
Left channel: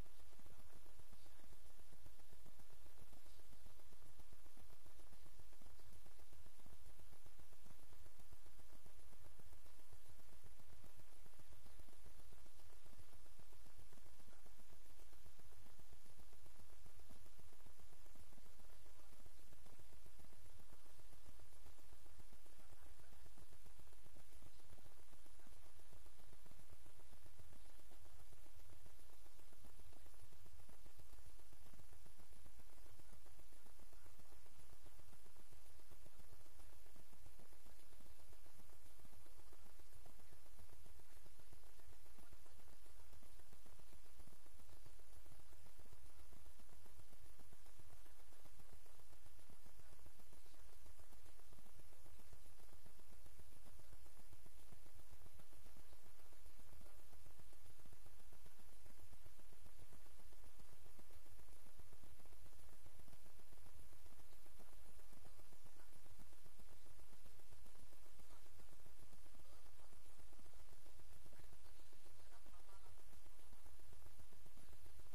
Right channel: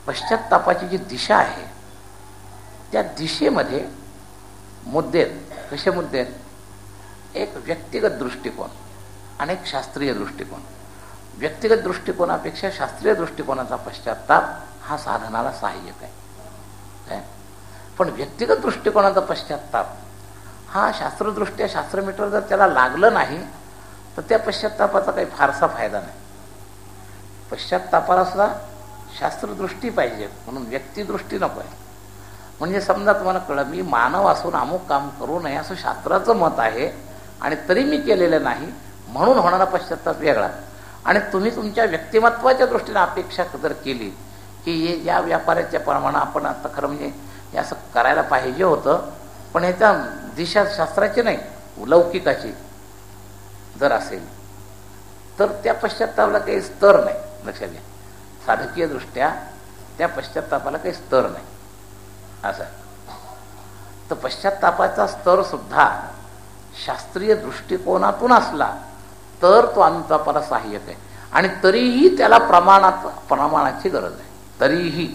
पश्चात्तापाची जी दिशा आहे त्या दिशेमध्ये मुद्दे कसे मुद्दे आहेत? एक व्यक्तिगत दृष्टिकोन आणि एक शास्त्रीय दृष्टिकोन. व्यक्तिगत दृष्टिकोनापेक्षा शास्त्रीय दृष्टिकोनाचा पश्चात्ताप हा साधनाला सहाय्यक आहे. पण व्यक्तिगत दृष्टिकोनाचा पश्चात्ताप हा शास्त्रदृष्ट्या शास्त्रमीटर जर त्याला लागलं नाही तर त्या पश्चात्तापाचा काही फारसा फायदा नाही. पश्चात्तापाला सुद्धा शास्त्रदृष्टी पाहिजे म्हणून व्यक्तिदृष्टी नको आहे. म्हणजे समजा तुम्हाला कळलं मी मानव असून अमुक काम करू नये असं शास्त्राचं मत आहे आणि तरी मी केलेलं नाही म्हणून होणारा पश्चात्ताप वेगळा. आणि तुम्ही तुमच्या व्यक्तिमत्वाच्या दृष्टीने अपेक्षा जर केली की हे या व्यापाराच्या प्रमाणे आपण आता खरं म्हणजे हे असं करायला पाहिजे होतं पण ह्याचा दिशा शास्त्राची नाही लौकिकाची जर असेल तर त्या पश्चात्तापाला काही स्तर नाही. लक्षात घ्या, साधकीय दृष्ट्या त्या पश्चात्तापाला काही स्तर नाही असं. तर पश्चात्तापाचा स्तर सुद्धा शास्त्रीय दृष्टिकोनातून असला तर तो अनुतापाला सहाय्यक आहे. आणि तरीही त्याला प्रमाणाची गरज आहे. तरीही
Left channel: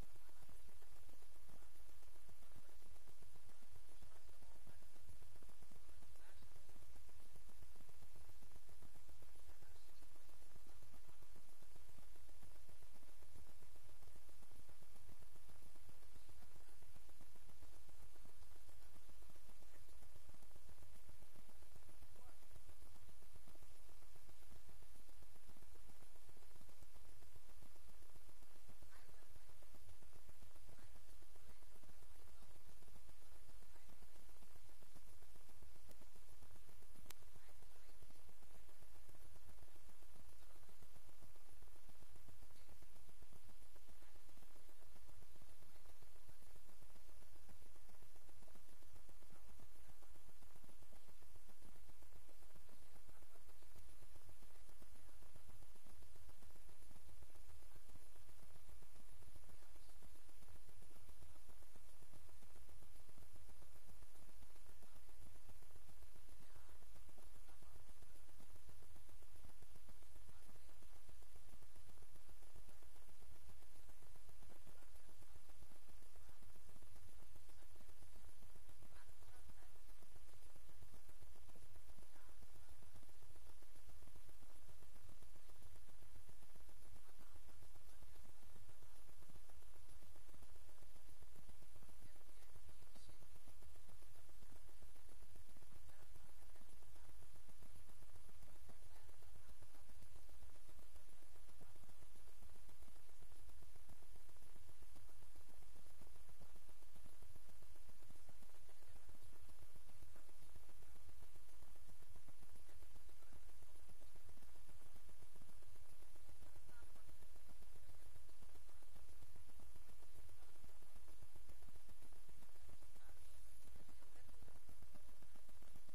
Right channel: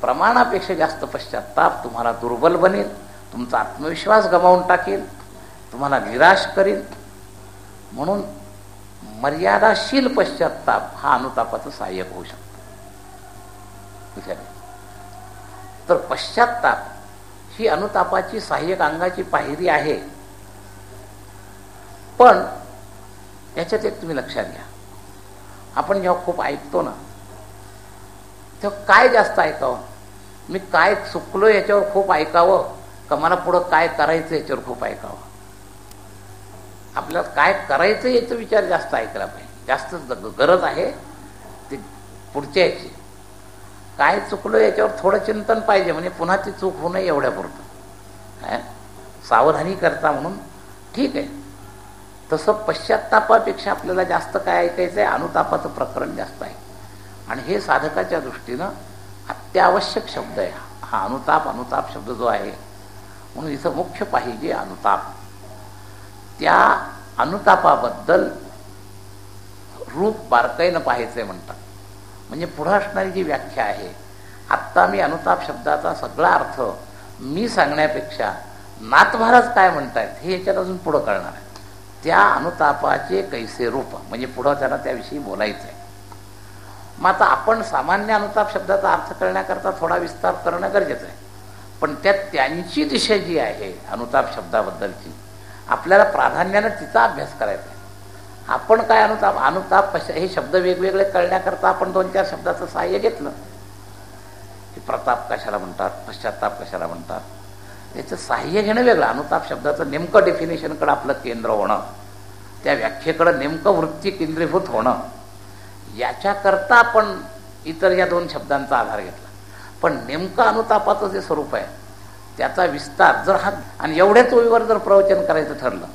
प्रमाणापेक्षा जास्त पश्चात्ताप तुम्हाला दुर्बल बनेल, तुमचा आत्मविश्वास गमावून टाकेल, तुम्हाला निराश करेल. म्हणून मर्यादाशील पश्चात्ताप हा अनुतापाचं सहाय्यक होऊ शकतो. तर पश्चात्ताप ही अनुतापाची सहाय्यक अंगाची पायरी आहे. पण याच्यात एक तुम्ही लक्षात घ्या, आपण जेव्हा खूप ऐकतो ना तेव्हा काय जास्त ऐकावं? मी काय चुकलो याच्यावर खूप ऐकावं का मला पुढं काय करायचं याच्यावर खूप ऐकावं? आपल्याला काय करायचं याचा विचार जास्त ऐकला पाहिजे. जास्त गरज आहे ती पुढच्या याची. काय चुकलो याच्यावर थोडं चिंतन पाहिजे म्हणजे पुन्हा ती चूक होऊ नये एवढ्यापुरतं सावधानी करता म्हणून ठीक आहे. तसं पश्चात्तापापेक्षा आपल्याला जास्त काय ऐकायचं आहे? अनुतापाचं प्रकरण जास्त आहे. आणि हे साधकाच्या दृष्टीनं अत्यावश्यक शब्द आहे हा अनुताप शब्द जो आहे. म्हणून इथं मुख्य पाहिजे अनुताप. त्या अनुतापाबद्दल रूप बारकाईनं पाहायचंय म्हणतात. म्हणजे पुढं असणारी जी व्याख्या आहे, आत्ता मी अनुताप शब्दाचा सगळा अर्थ मी सांगण्यापेक्षा नाथ महाराज काय म्हणतायत हे याच्यात अजून पुढं कळणार आहे. त्या अनुतापाचे कैसे रूप म्हणजे पुढं त्याला त्याविषयी बोलायचं आहे. मग आता आपण सामान्य अनुताप शब्दाचा अर्थ करण्याकरता थोडा विस्तार करणं गरजेचं आहे. पण त्यात त्यांची दिशा जी आहे अनुताप शब्दाबद्दलची आपल्याला प्राधान्यानं तिचा अभ्यास करायचा आहे. आपण काय अनुताप अनुताप हे शब्द वेगवेगळे कळण्याकरता आपण 2-4 शब्दाचं सहाय्य घेतलं की प्रताप कशाला म्हणतात, पश्चाताप कशाला म्हणतात, याचं सहाय्य घेणं वेगळं. अनुताप शब्दाचं नेमकं डेफिनेशनकडं आपलं केंद्र होणं, त्या व्याख्येकडं नेमकं वृत्ती केंद्रीभूत होणं, याच्याकरता आपण इतर या 2 शब्दांचा आधार घेतला. पण नेमकं अनुतापाचं जे स्वरूप आहे त्याचा विस्तार जर हा आणि एवढ्याच ओळीवर जर प्रवचन करायचं ठरलं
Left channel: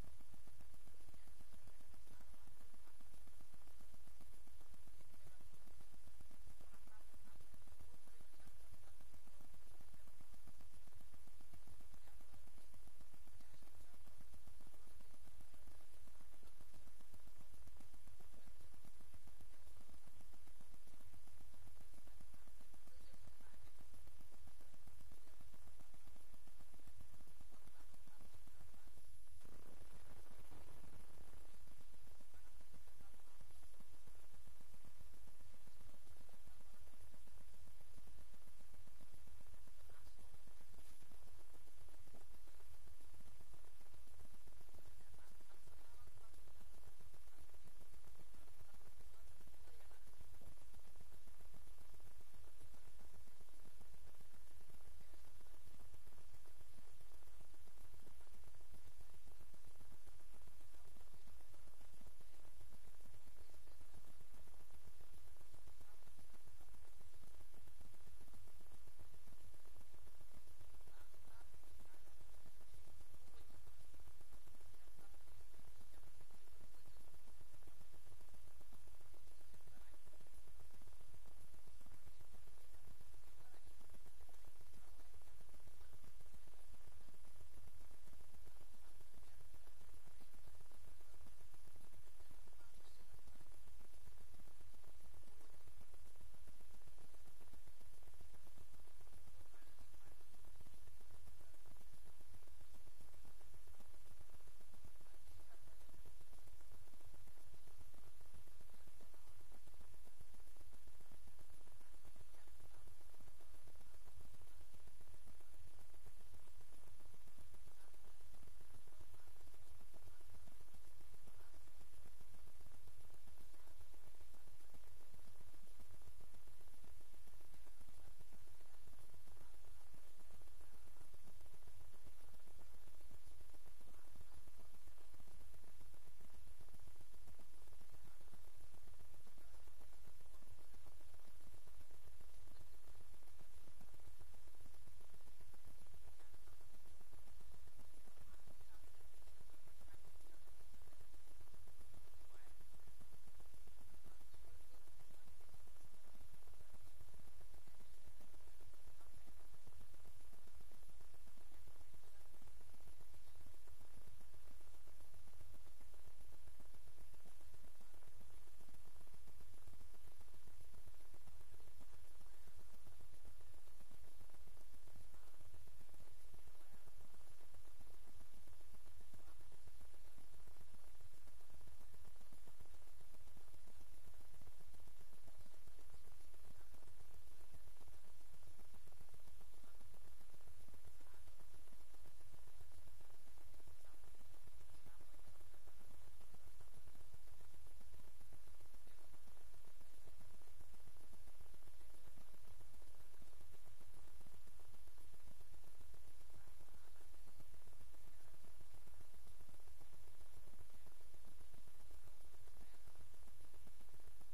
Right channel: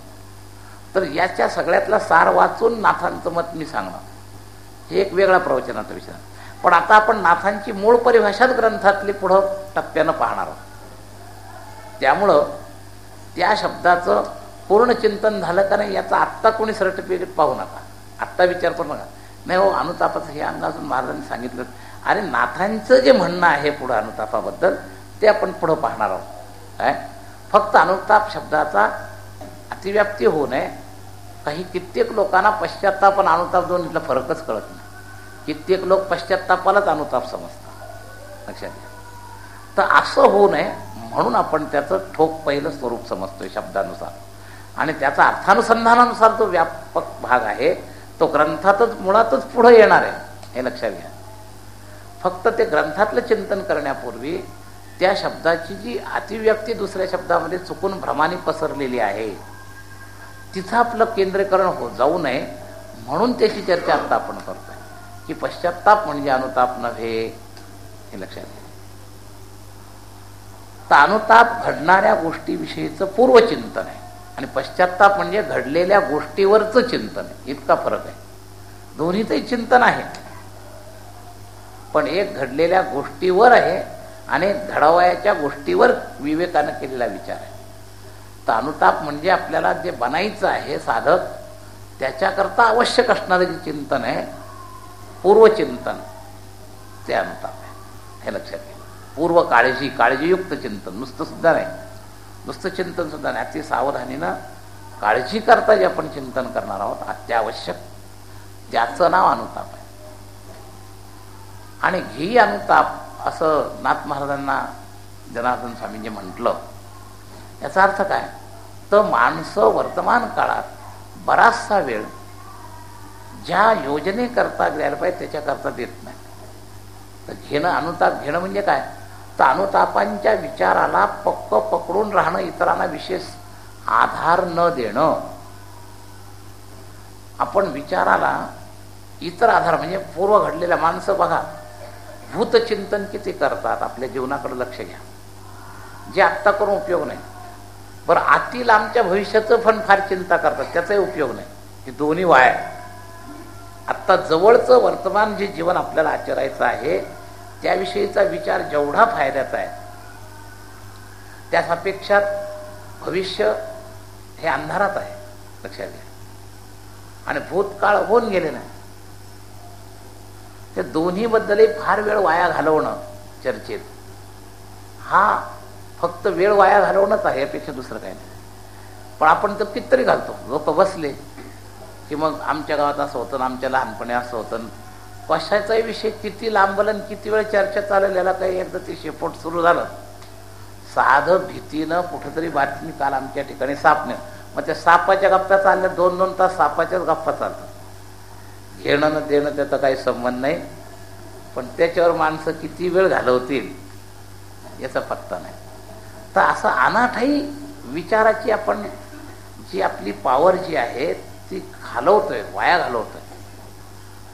तर याच्या सगळ्यातला सार वाचून नाथांचं मत मी सांगणं हे एक वेगळा प्रवचनाचा विषय. पण आता आपण नाथांची मूळ परिभाषाच ग्रंथातली पुढं टप्प्यानं पाहणार आहोत. त्यामुळं त्या शब्दाचं पूर्ण चिंतन झालं का नाही याचा आत्ता कोणी सर्टिफिकेट पाहू नका, आत्ता विचार करू नका. नाही हो अनुतापाचं हे अंग अजून महाराजांनी सांगितलं. अरे नाथांचं जे म्हणणं आहे पुढं अनुतापाबद्दल ते आपण पुढं पाहणार आहोत. काय फक्त अनुताप शब्दाचा अतिव्याप्ती होऊ नये. काही कित्येक लोकांना पश्चात्ताप आणि अनुताप दोन्हीतला फरकच कळत नाही. कित्येक लोक पश्चात्तापालाच अनुताप समजतात, लक्षात घ्या. तर असं होऊ नये म्हणून आपण त्याचं ठोक पहिलं स्वरूप समजतोय शब्दानुसार, आणि त्याचा अर्थानुसंधानानुसार जो व्यापक भाग आहे तो ग्रंथातच मुळातच पुढं येणार आहे, हे लक्षात घ्या. फक्त ते ग्रंथातलं चिंतन करण्यापूर्वी त्या शब्दाची जी अतिव्याप्ती दुसऱ्या शब्दामध्ये चुकून भ्रमाने पसरलेली आहे तिथं आपलं केंद्रीकरण हो जाऊ नये म्हणून त्याची चर्चा आता आपण करतोय की पश्चात्ताप म्हणजे अनुताप नव्हे, हे लक्षात घ्या. तर अनुताप घडणाऱ्या गोष्टीविषयीचं पूर्वचिंतन आहे आणि पश्चात्ताप म्हणजे घडलेल्या गोष्टीवरचं चिंतन आहे. इतका फरक आहे. दोन्हीचंही चिंतन आहे, पण एक घडलेल्या गोष्टीवर आहे आणि घडवायच्या गोष्टीवर विवेकानं केलेला विचार आहे. तर अनुताप म्हणजे आपल्याला जे बनायचं आहे साधक त्याच्याकरता आवश्यक असणारं जे चिंतन आहे पूर्वचिंतन ते अनुताप आहे, हे लक्षात घ्या. पूर्व काळजीयुक्त चिंतन, नुसतं सुद्धा नाही, नुसतं चिंतन सुद्धा नाही, अति सावधानीनं काळजी करता जे आपण चिंतन करणार आहोत अत्यावश्यक त्याचं नाव अनुताप आहे. आणि ही अनुताप असं नाथ महाराजांना जनार्दन स्वामींनी म्हटलं. याचा अर्थ काय, तर माणसं वर्तमान काळात बराचसा वेळ ज्या योजनेकरता द्यायला पाहिजे त्याच्याकरता देत नाही. तर अनुताप घेणं म्हणजे काय, तर अनुतापांच्या विचाराला पक्क पकडून राहणं, इतरांना विशेष आधार न देणं. आपण विचाराला इतर आधार म्हणजे पूर्व घडलेल्या माणसं बघा भूतचिंतन किती करतात, आपल्या जीवनाकडे लक्ष घ्या, जे आत्ता करून उपयोग नाही. बरं आतील आमच्या भविष्याचं पण फार चिंता करतात, त्याचाही उपयोग नाही. हे दोन्ही वाया. आत्ता जवळचं वर्तमान जे जीवन आपल्याला आचरायचं आहे त्याविषयीचा विचार जेवढा फायद्याचा आहे त्यापेक्षा भविष्य हे अंधारात आहे, लक्षात घ्या. आणि भूतकाळ होऊन गेले नाही. ते दोन्हीबद्दलही फार वेळ वाया घालवणं चर्चेत हा फक्त वेळ वाया घालवणंच आहे, यापेक्षा दुसरं काही नाही. पण आपण तर कितीतरी घालतो. लोक बसले की मग आमच्या गावात असं होतं, आमच्या लहानपणी असं होतं. कशाचाही विषय किती लांबलं किती वेळ चर्चा चालेल याला काही एकदा ते शेपोट सुरू झालं. साधं भीतीनं कुठेतरी बातमी काल आमच्या ठिकाणी साप नाही, मग त्या सापाच्या गप्पा चालल्या 2-2 तास सापाच्याच गप्पा चालतात. घेणं न देणं त्याचा काही संबंध नाही, पण त्याच्यावर माणसं किती वेळ घालवतील याचा पत्ता नाही. तर असं अनाठाई विचाराची आपण जी आपली पॉवर जी आहे ती घालवतोय, वाया घालवतोय.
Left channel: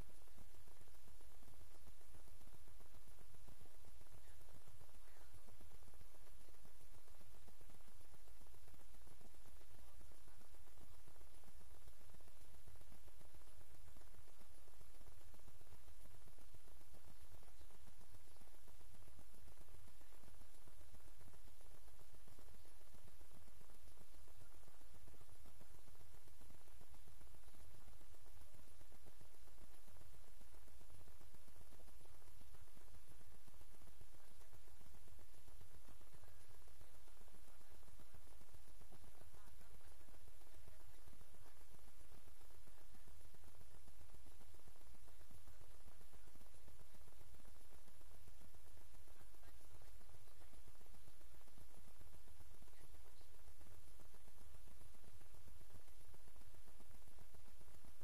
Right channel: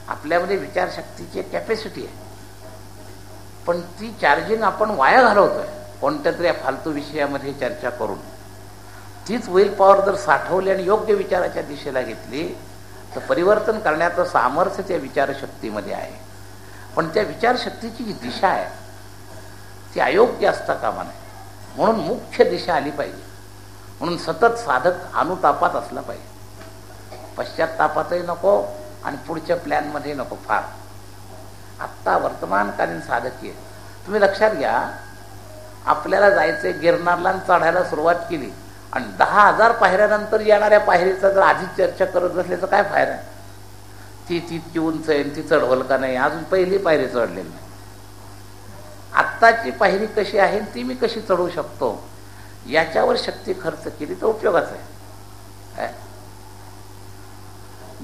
आपल्यामध्ये विचारशक्तीची एक कॅपॅसिटी आहे, पण ती चार्जिंग आपण वाया घालवतोय कोणत्या तरी फालतू विषयामध्ये चर्चा करून. तीच विल पॉवर जर साठवली आणि योग्य विचाराच्या दिशेला घेतली तर परिवर्तन करण्याचं सामर्थ्य त्या विचारशक्तीमध्ये आहे. पण त्या विचारशक्तीची जी दिशा आहे ती अयोग्य असता कामा नये. म्हणून मुख्य दिशा आली पाहिजे. म्हणून सतत साधक अनुतापात असला पाहिजे. पश्चात्तापातही नको आणि पुढच्या प्लॅनमध्ये नको. फार आत्ता वर्तमानकालीन साधकीय तुम्ही लक्षात घ्या. आपल्याला जायचंय गिरनारला चढायला सुरुवात केली आणि 10,000 पायऱ्यानंतर येणाऱ्या पायरीचा जर आधीच चर्चा करत बसल्याचा काय फायदा आहे. ती तितकी उंच आहे, ती चढवल का नाही, अजून पहिली पायरी चढलेली नाही. आत्ताची पायरी कशी आहे ती मी कशी चढवू शकतो याच्यावर शक्ती खर्च केली तर उपयोगाचं आहे.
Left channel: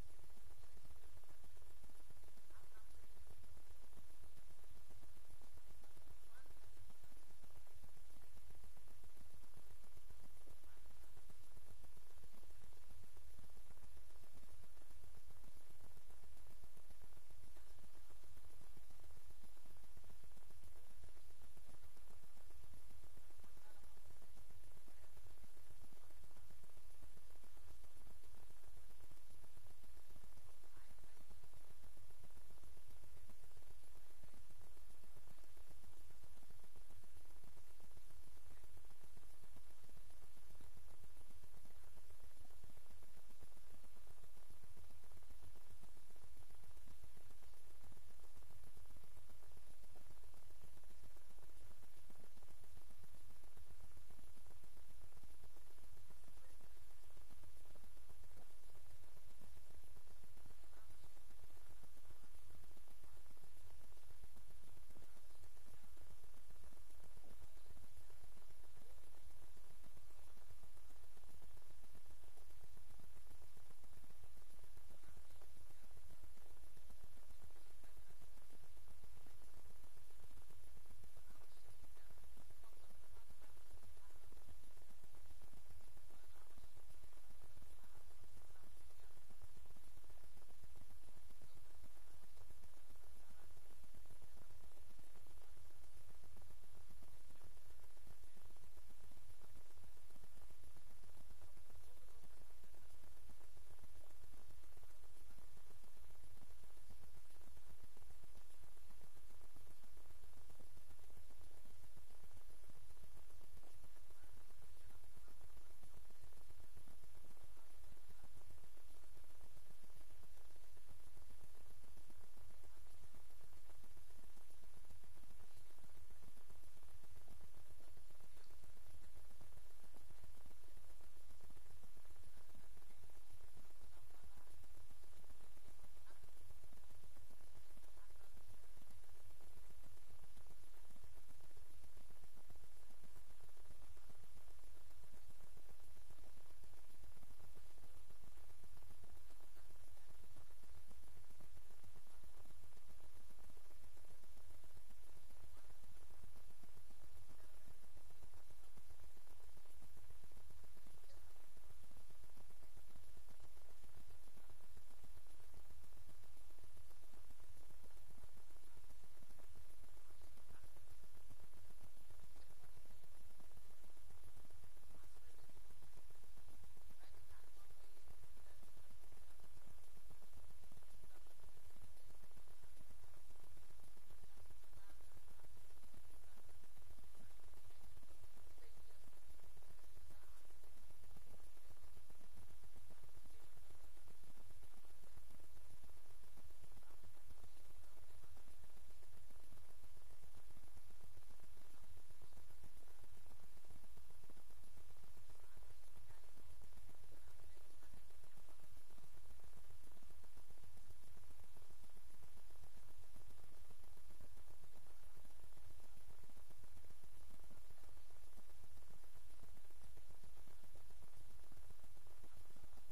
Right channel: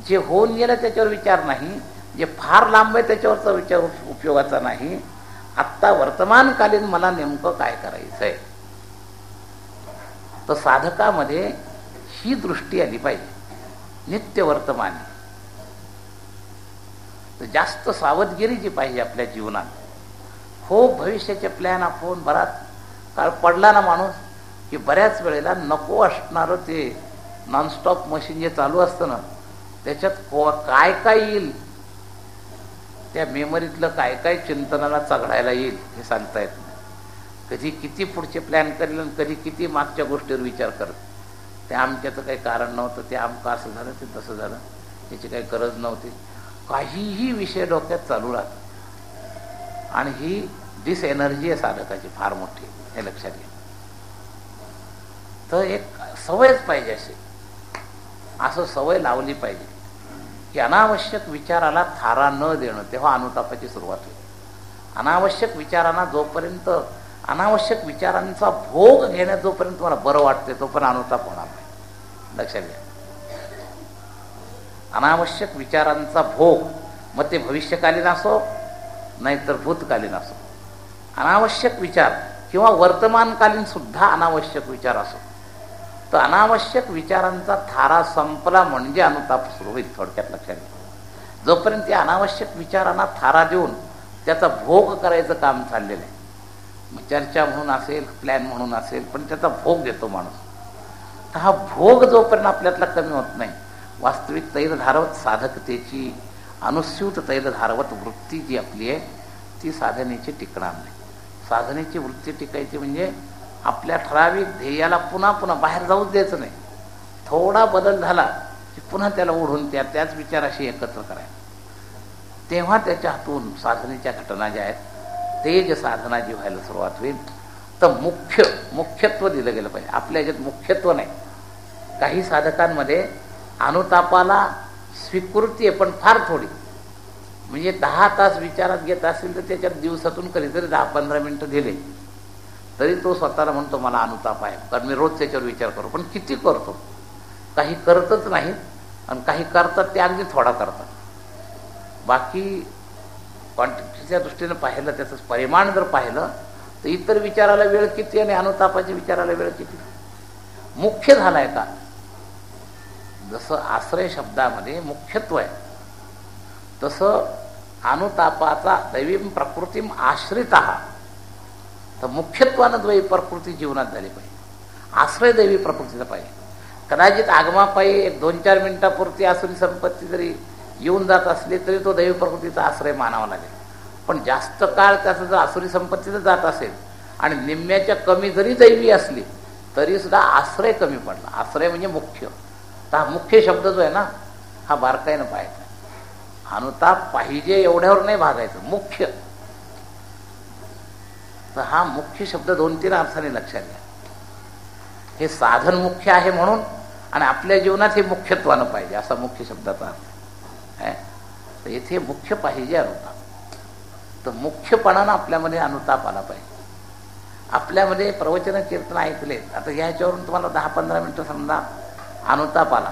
जे होऊन गेलं त्याच्यावर विचार नाही, जे फार लांब आहे त्याच्यावरचा विचार उपयोगाचा नाही. आत्ता वर्तमानकालीन मला नेमकं काय करायचं आहे. तर साधकामध्ये ही दृष्टी आली पाहिजे, नित्य वर्तमानी. तर जास्त सावधगिरी जी पाहिजे आपल्या जीवनात. हो, भविष्याचे प्लॅन आपण बराच काळ पडला ना माणूस, की बऱ्याच वेळेला नको असणारं ते नॉनस्टॉप मशीन जे चालू असतं ना, त्याच्यात काय काय येईल, त्या मेमरीतलं काय काय चिंतनाला चघळायला येईल हे सांगता येत नाही. कधी किती पुढचे प्लॅन करेल आणि कधी किती मागच्या गोष्टीवर विचार करत. ते आमच्याचं काही कारण नव्हतं, ते आमचं असं झालं, ते तसं झालं, त्याची काही गरज नव्हती. काहीही विषय डोक्यात चालू राहत. आणि ही डिसएनर्जी आहे साधकाची फार मोठी, हे लक्षात घ्या. तर एक सवयच पाहिजे अशी, असं सवय लावली पाहिजे की अनावश्यक विचाराला थारा न देणं, तेव्हा अनुतापाची सुरुवात होईल. अनावश्यक विचारांना जोपर्यंत, अनावश्यक विचारांचा भोग घेण्यात जोपर्यंत तुम्हाला बरं वाटते तोपर्यंत अनुताप होणार नाही. लक्षात घ्या. अनावश्यक विचारांचा भोग, मग ते भविष्यकालीन असो नाहीतर भूतकालीन असो, अनावश्यक विचार किंवा वर्तमानकालीन सुद्धा अनावश्यक विचार असो, तर अनावश्यक विचारांचा थारा संपला म्हणजे अनुताप सुरू होईल. थोडक्यात लक्षात घ्या. जोपर्यंत त्या अनावश्यक विचारांना थारा देऊन त्याचा भोग करायचं काम चाललेलं आहे, मग चर्चा म्हणून असेल, प्लॅन म्हणून असेल, पण त्याचा भोग घेतो माणूस. तर हा भोग जोपर्यंत आपल्यातला कमी होत नाही, वास्तविक तैलधारवत साधकतेची, अनुस्यूत तैलधारवत वृत्ती जी आपली आहे ती साधनेची टिकणार नाही. साधनेची वृत्ती टिकायची म्हणजे आपल्या ठराविक ध्येयाला पुन्हा पुन्हा बाहेर जाऊच द्यायचं नाही. थोडा बदल झाला की पुन्हा त्याला ओढून त्याच विचाराशी एकत्र करायचं. तेव्हा त्याच्या हातून साधनेच्या घटना ज्या आहेत, तेज साधना जी व्हायला सुरुवात होईल. तर मुख्यत्व दिलं गेलं पाहिजे. आपल्या ह्याच्यात मुख्यत्व नाही. काही साधकांमध्ये अनुतापाला स्वीकृती आहे, पण फार थोडी. म्हणजे 10 तास विचारात घेत असेल तर त्याच्यात दिवसातून कधीतरी 10-15 मिनटं दिले तरी तो स्वतःला म्हणतो मला अनुताप आहे, कारण मी रोज त्याच्यावर विचार करतो. पण किती करतो? काही करतच नाहीत, आणि काही करतात ते अगदी थोडा करतात. बाकी क्वांटिटीच्या दृष्टीनं पाहिलं, त्याचं परिमाण जर पाहिलं तर इतर विचाराला वेळ किती आणि अनुतापाच्या विचाराला वेळ किती. मुख्य झालाय का? जसं आश्रय शब्दामध्ये मुख्यत्व आहे, तसं अनुतापाचा दैवीम प्रकृतीम आश्रित आहात, तर मुख्यत्वानं द्वैवी प्रकृती जीवनात झाली पाहिजे. आश्रय दैवी प्रकृतीचा पाहिजे. कदाचित आगमापायी 1-2-4 मिनिटापुरती आसुरी संपत्ती जरी येऊन जात असली तरी तो दैवी प्रकृतीचा आश्रय मानावा लागेल. पण जास्त काळ त्याचं जर आसुरी संपत्तीचं जात असेल आणि निम्म्याच्या कमी जरी दैवी असली तरी सुद्धा आश्रय कमी पडला. आश्रय म्हणजे मुख्य. तर हा मुख्य शब्द जो आहे ना, हा बारकाईनं पाहायचा. अनुताप पाहिजे एवढ्यावर नाही भागायचं, मुख्य. तर हा मुख्य शब्द 2-3 अर्थाने लक्षात घ्या. हे साधन मुख्य आहे म्हणून, आणि आपल्या जीवनात हे मुख्यत्वानं पाहिजे असा मुख्य शब्दाचा अर्थ आहे. तर इथे मुख्य पाहिजे अनुताप. तर मुख्यपणानं आपल्यामध्ये अनुताप आला पाहिजे. आपल्यामध्ये प्रवचन कीर्तन ऐकलेत, आता ह्याच्यावरून तुम्हाला 10-15 मिनटं समजा अनुताप आला,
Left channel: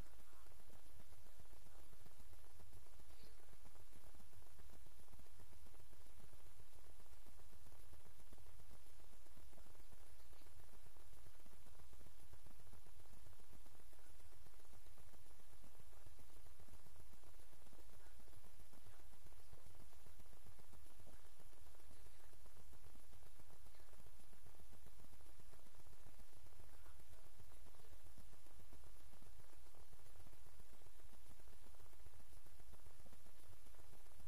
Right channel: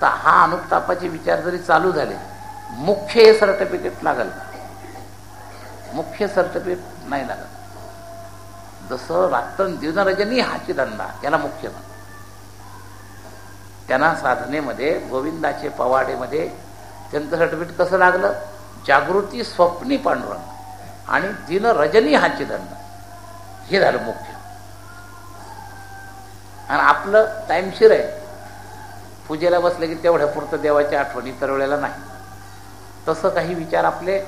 तर हा अनुतापाचे विचार जरी चालू झाले, मुख्य हे सर्टिफिकेट लागेल का? मुख्य सर्टिफिकेट नाही लागत. जसं रात्र दिनरजनी हाची धंदा, याला मुख्य म्हणतात. त्यांना साधनेमध्ये गोविंदाचे पवाडेमध्ये त्यांचं सर्टिफिकेट कसं लागलं? जागृती स्वप्नी पांडुरंग आणि दिनरजनी हाची धंदा, हे झालं मुख्य. आणि आपलं टाईमशीर आहे, पूजेला बसलं की तेवढ्या पुरतं देवाची आठवणी, इतर वेळेला नाही. तसं काही विचार आपले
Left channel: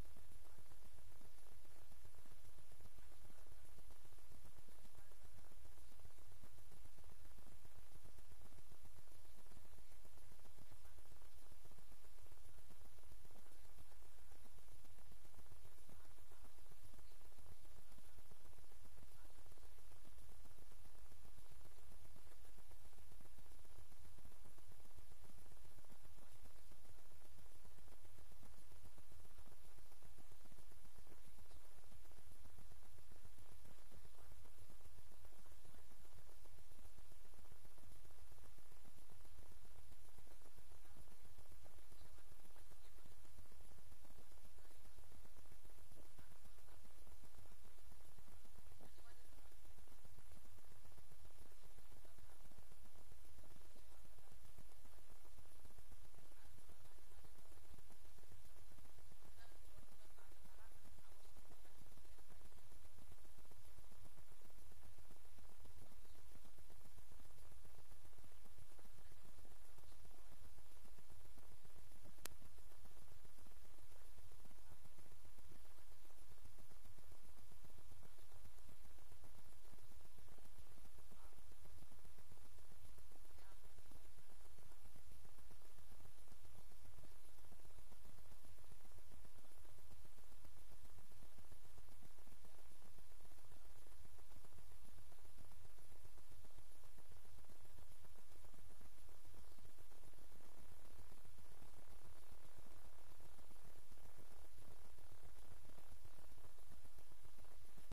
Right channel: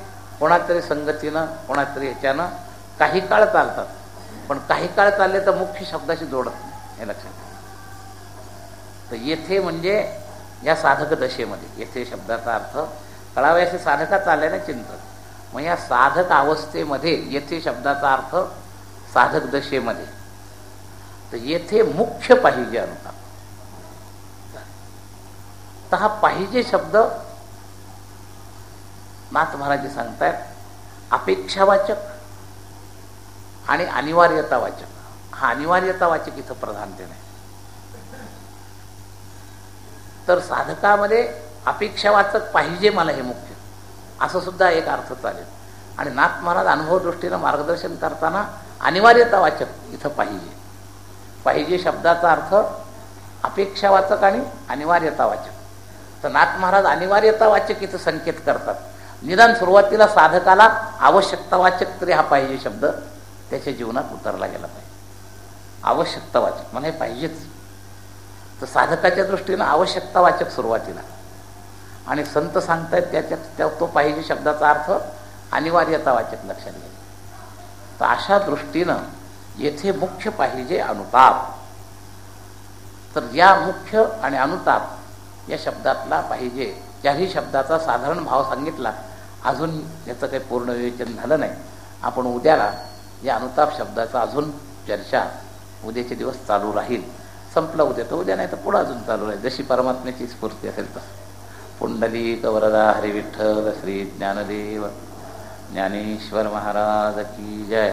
कोणातरी संगतीनं, कोणातरी ह्याच्यानं काही काळ चालतात, पण काही काळ चालले तर मुख्य शब्दाशी जोडत नाही, हे लक्षात. तर येथे म्हणजे या साधक दशेमध्ये, येथे शब्दाचा अर्थ कळावा असे साधका चालले ना चिंतन. मग या साधक अवस्थेमध्ये येथे शब्दाचा अर्थ साधक दशेमध्ये, तर येथे मुख्य पाहिजे अनुताप. तर हा पाहिजे शब्द नाथ महाराज सांगतायत अपेक्षावाचक आणि अनिवार्यतावाचक. हा अनिवार्यतावाचक इथं प्रधानतेने. तर साधकामध्ये अपेक्षावाचक पाहिजे मला हे मुख्य, असं सुद्धा एक अर्थ चालेल. आणि नाथ महाराज अनुभव दृष्टीनं मार्गदर्शन करताना अनिवार्यतावाचक इथं पाहिजे. पाहिजे शब्दाचा अर्थ अपेक्षावाचक आणि अनिवार्यतावाचक. तर नाथ महाराज अनिवार्यतावाचक इथं संकेत करतात. निदान सुरुवातीला साधकाला आवश्यकतावाचक तरी हा पाहिजे शब्द त्याच्या जीवनात उतरला गेला पाहिजे. आवश्यकतावाचक म्हणजे पाहिजेच. तर साधकाच्या दृष्टीनं आवश्यकतावाचक सुरुवातीला, आणि संत सांगतायत तो पाहिजे शब्दाचा अर्थ अनिवार्यतावाचक लक्षात घ्या. तर अशा दृष्टीनं येथे मुख्य पाहिजे अनुताप. तर या मुख्य आणि अनुताप या शब्दातला पाहिजे, ज्याही शब्दाचा साधारण भाव सांगितला, अजून याचं काही पूर्ण विवेचन झालं नाही. आपण उद्याला या अनुताप शब्दाचा अजून चर्चा उद्याचे दिवस चालू राहील. संपलं उद्या तर उद्या, नाही तर पुढं अजून चालू राहील, जशी परमात्म्याची स्फूर्ती असेल तसं. पुंडलिक वरदा हरी विठ्ठल श्री ज्ञानदेव ज्ञानेश्वर महाराज की जय.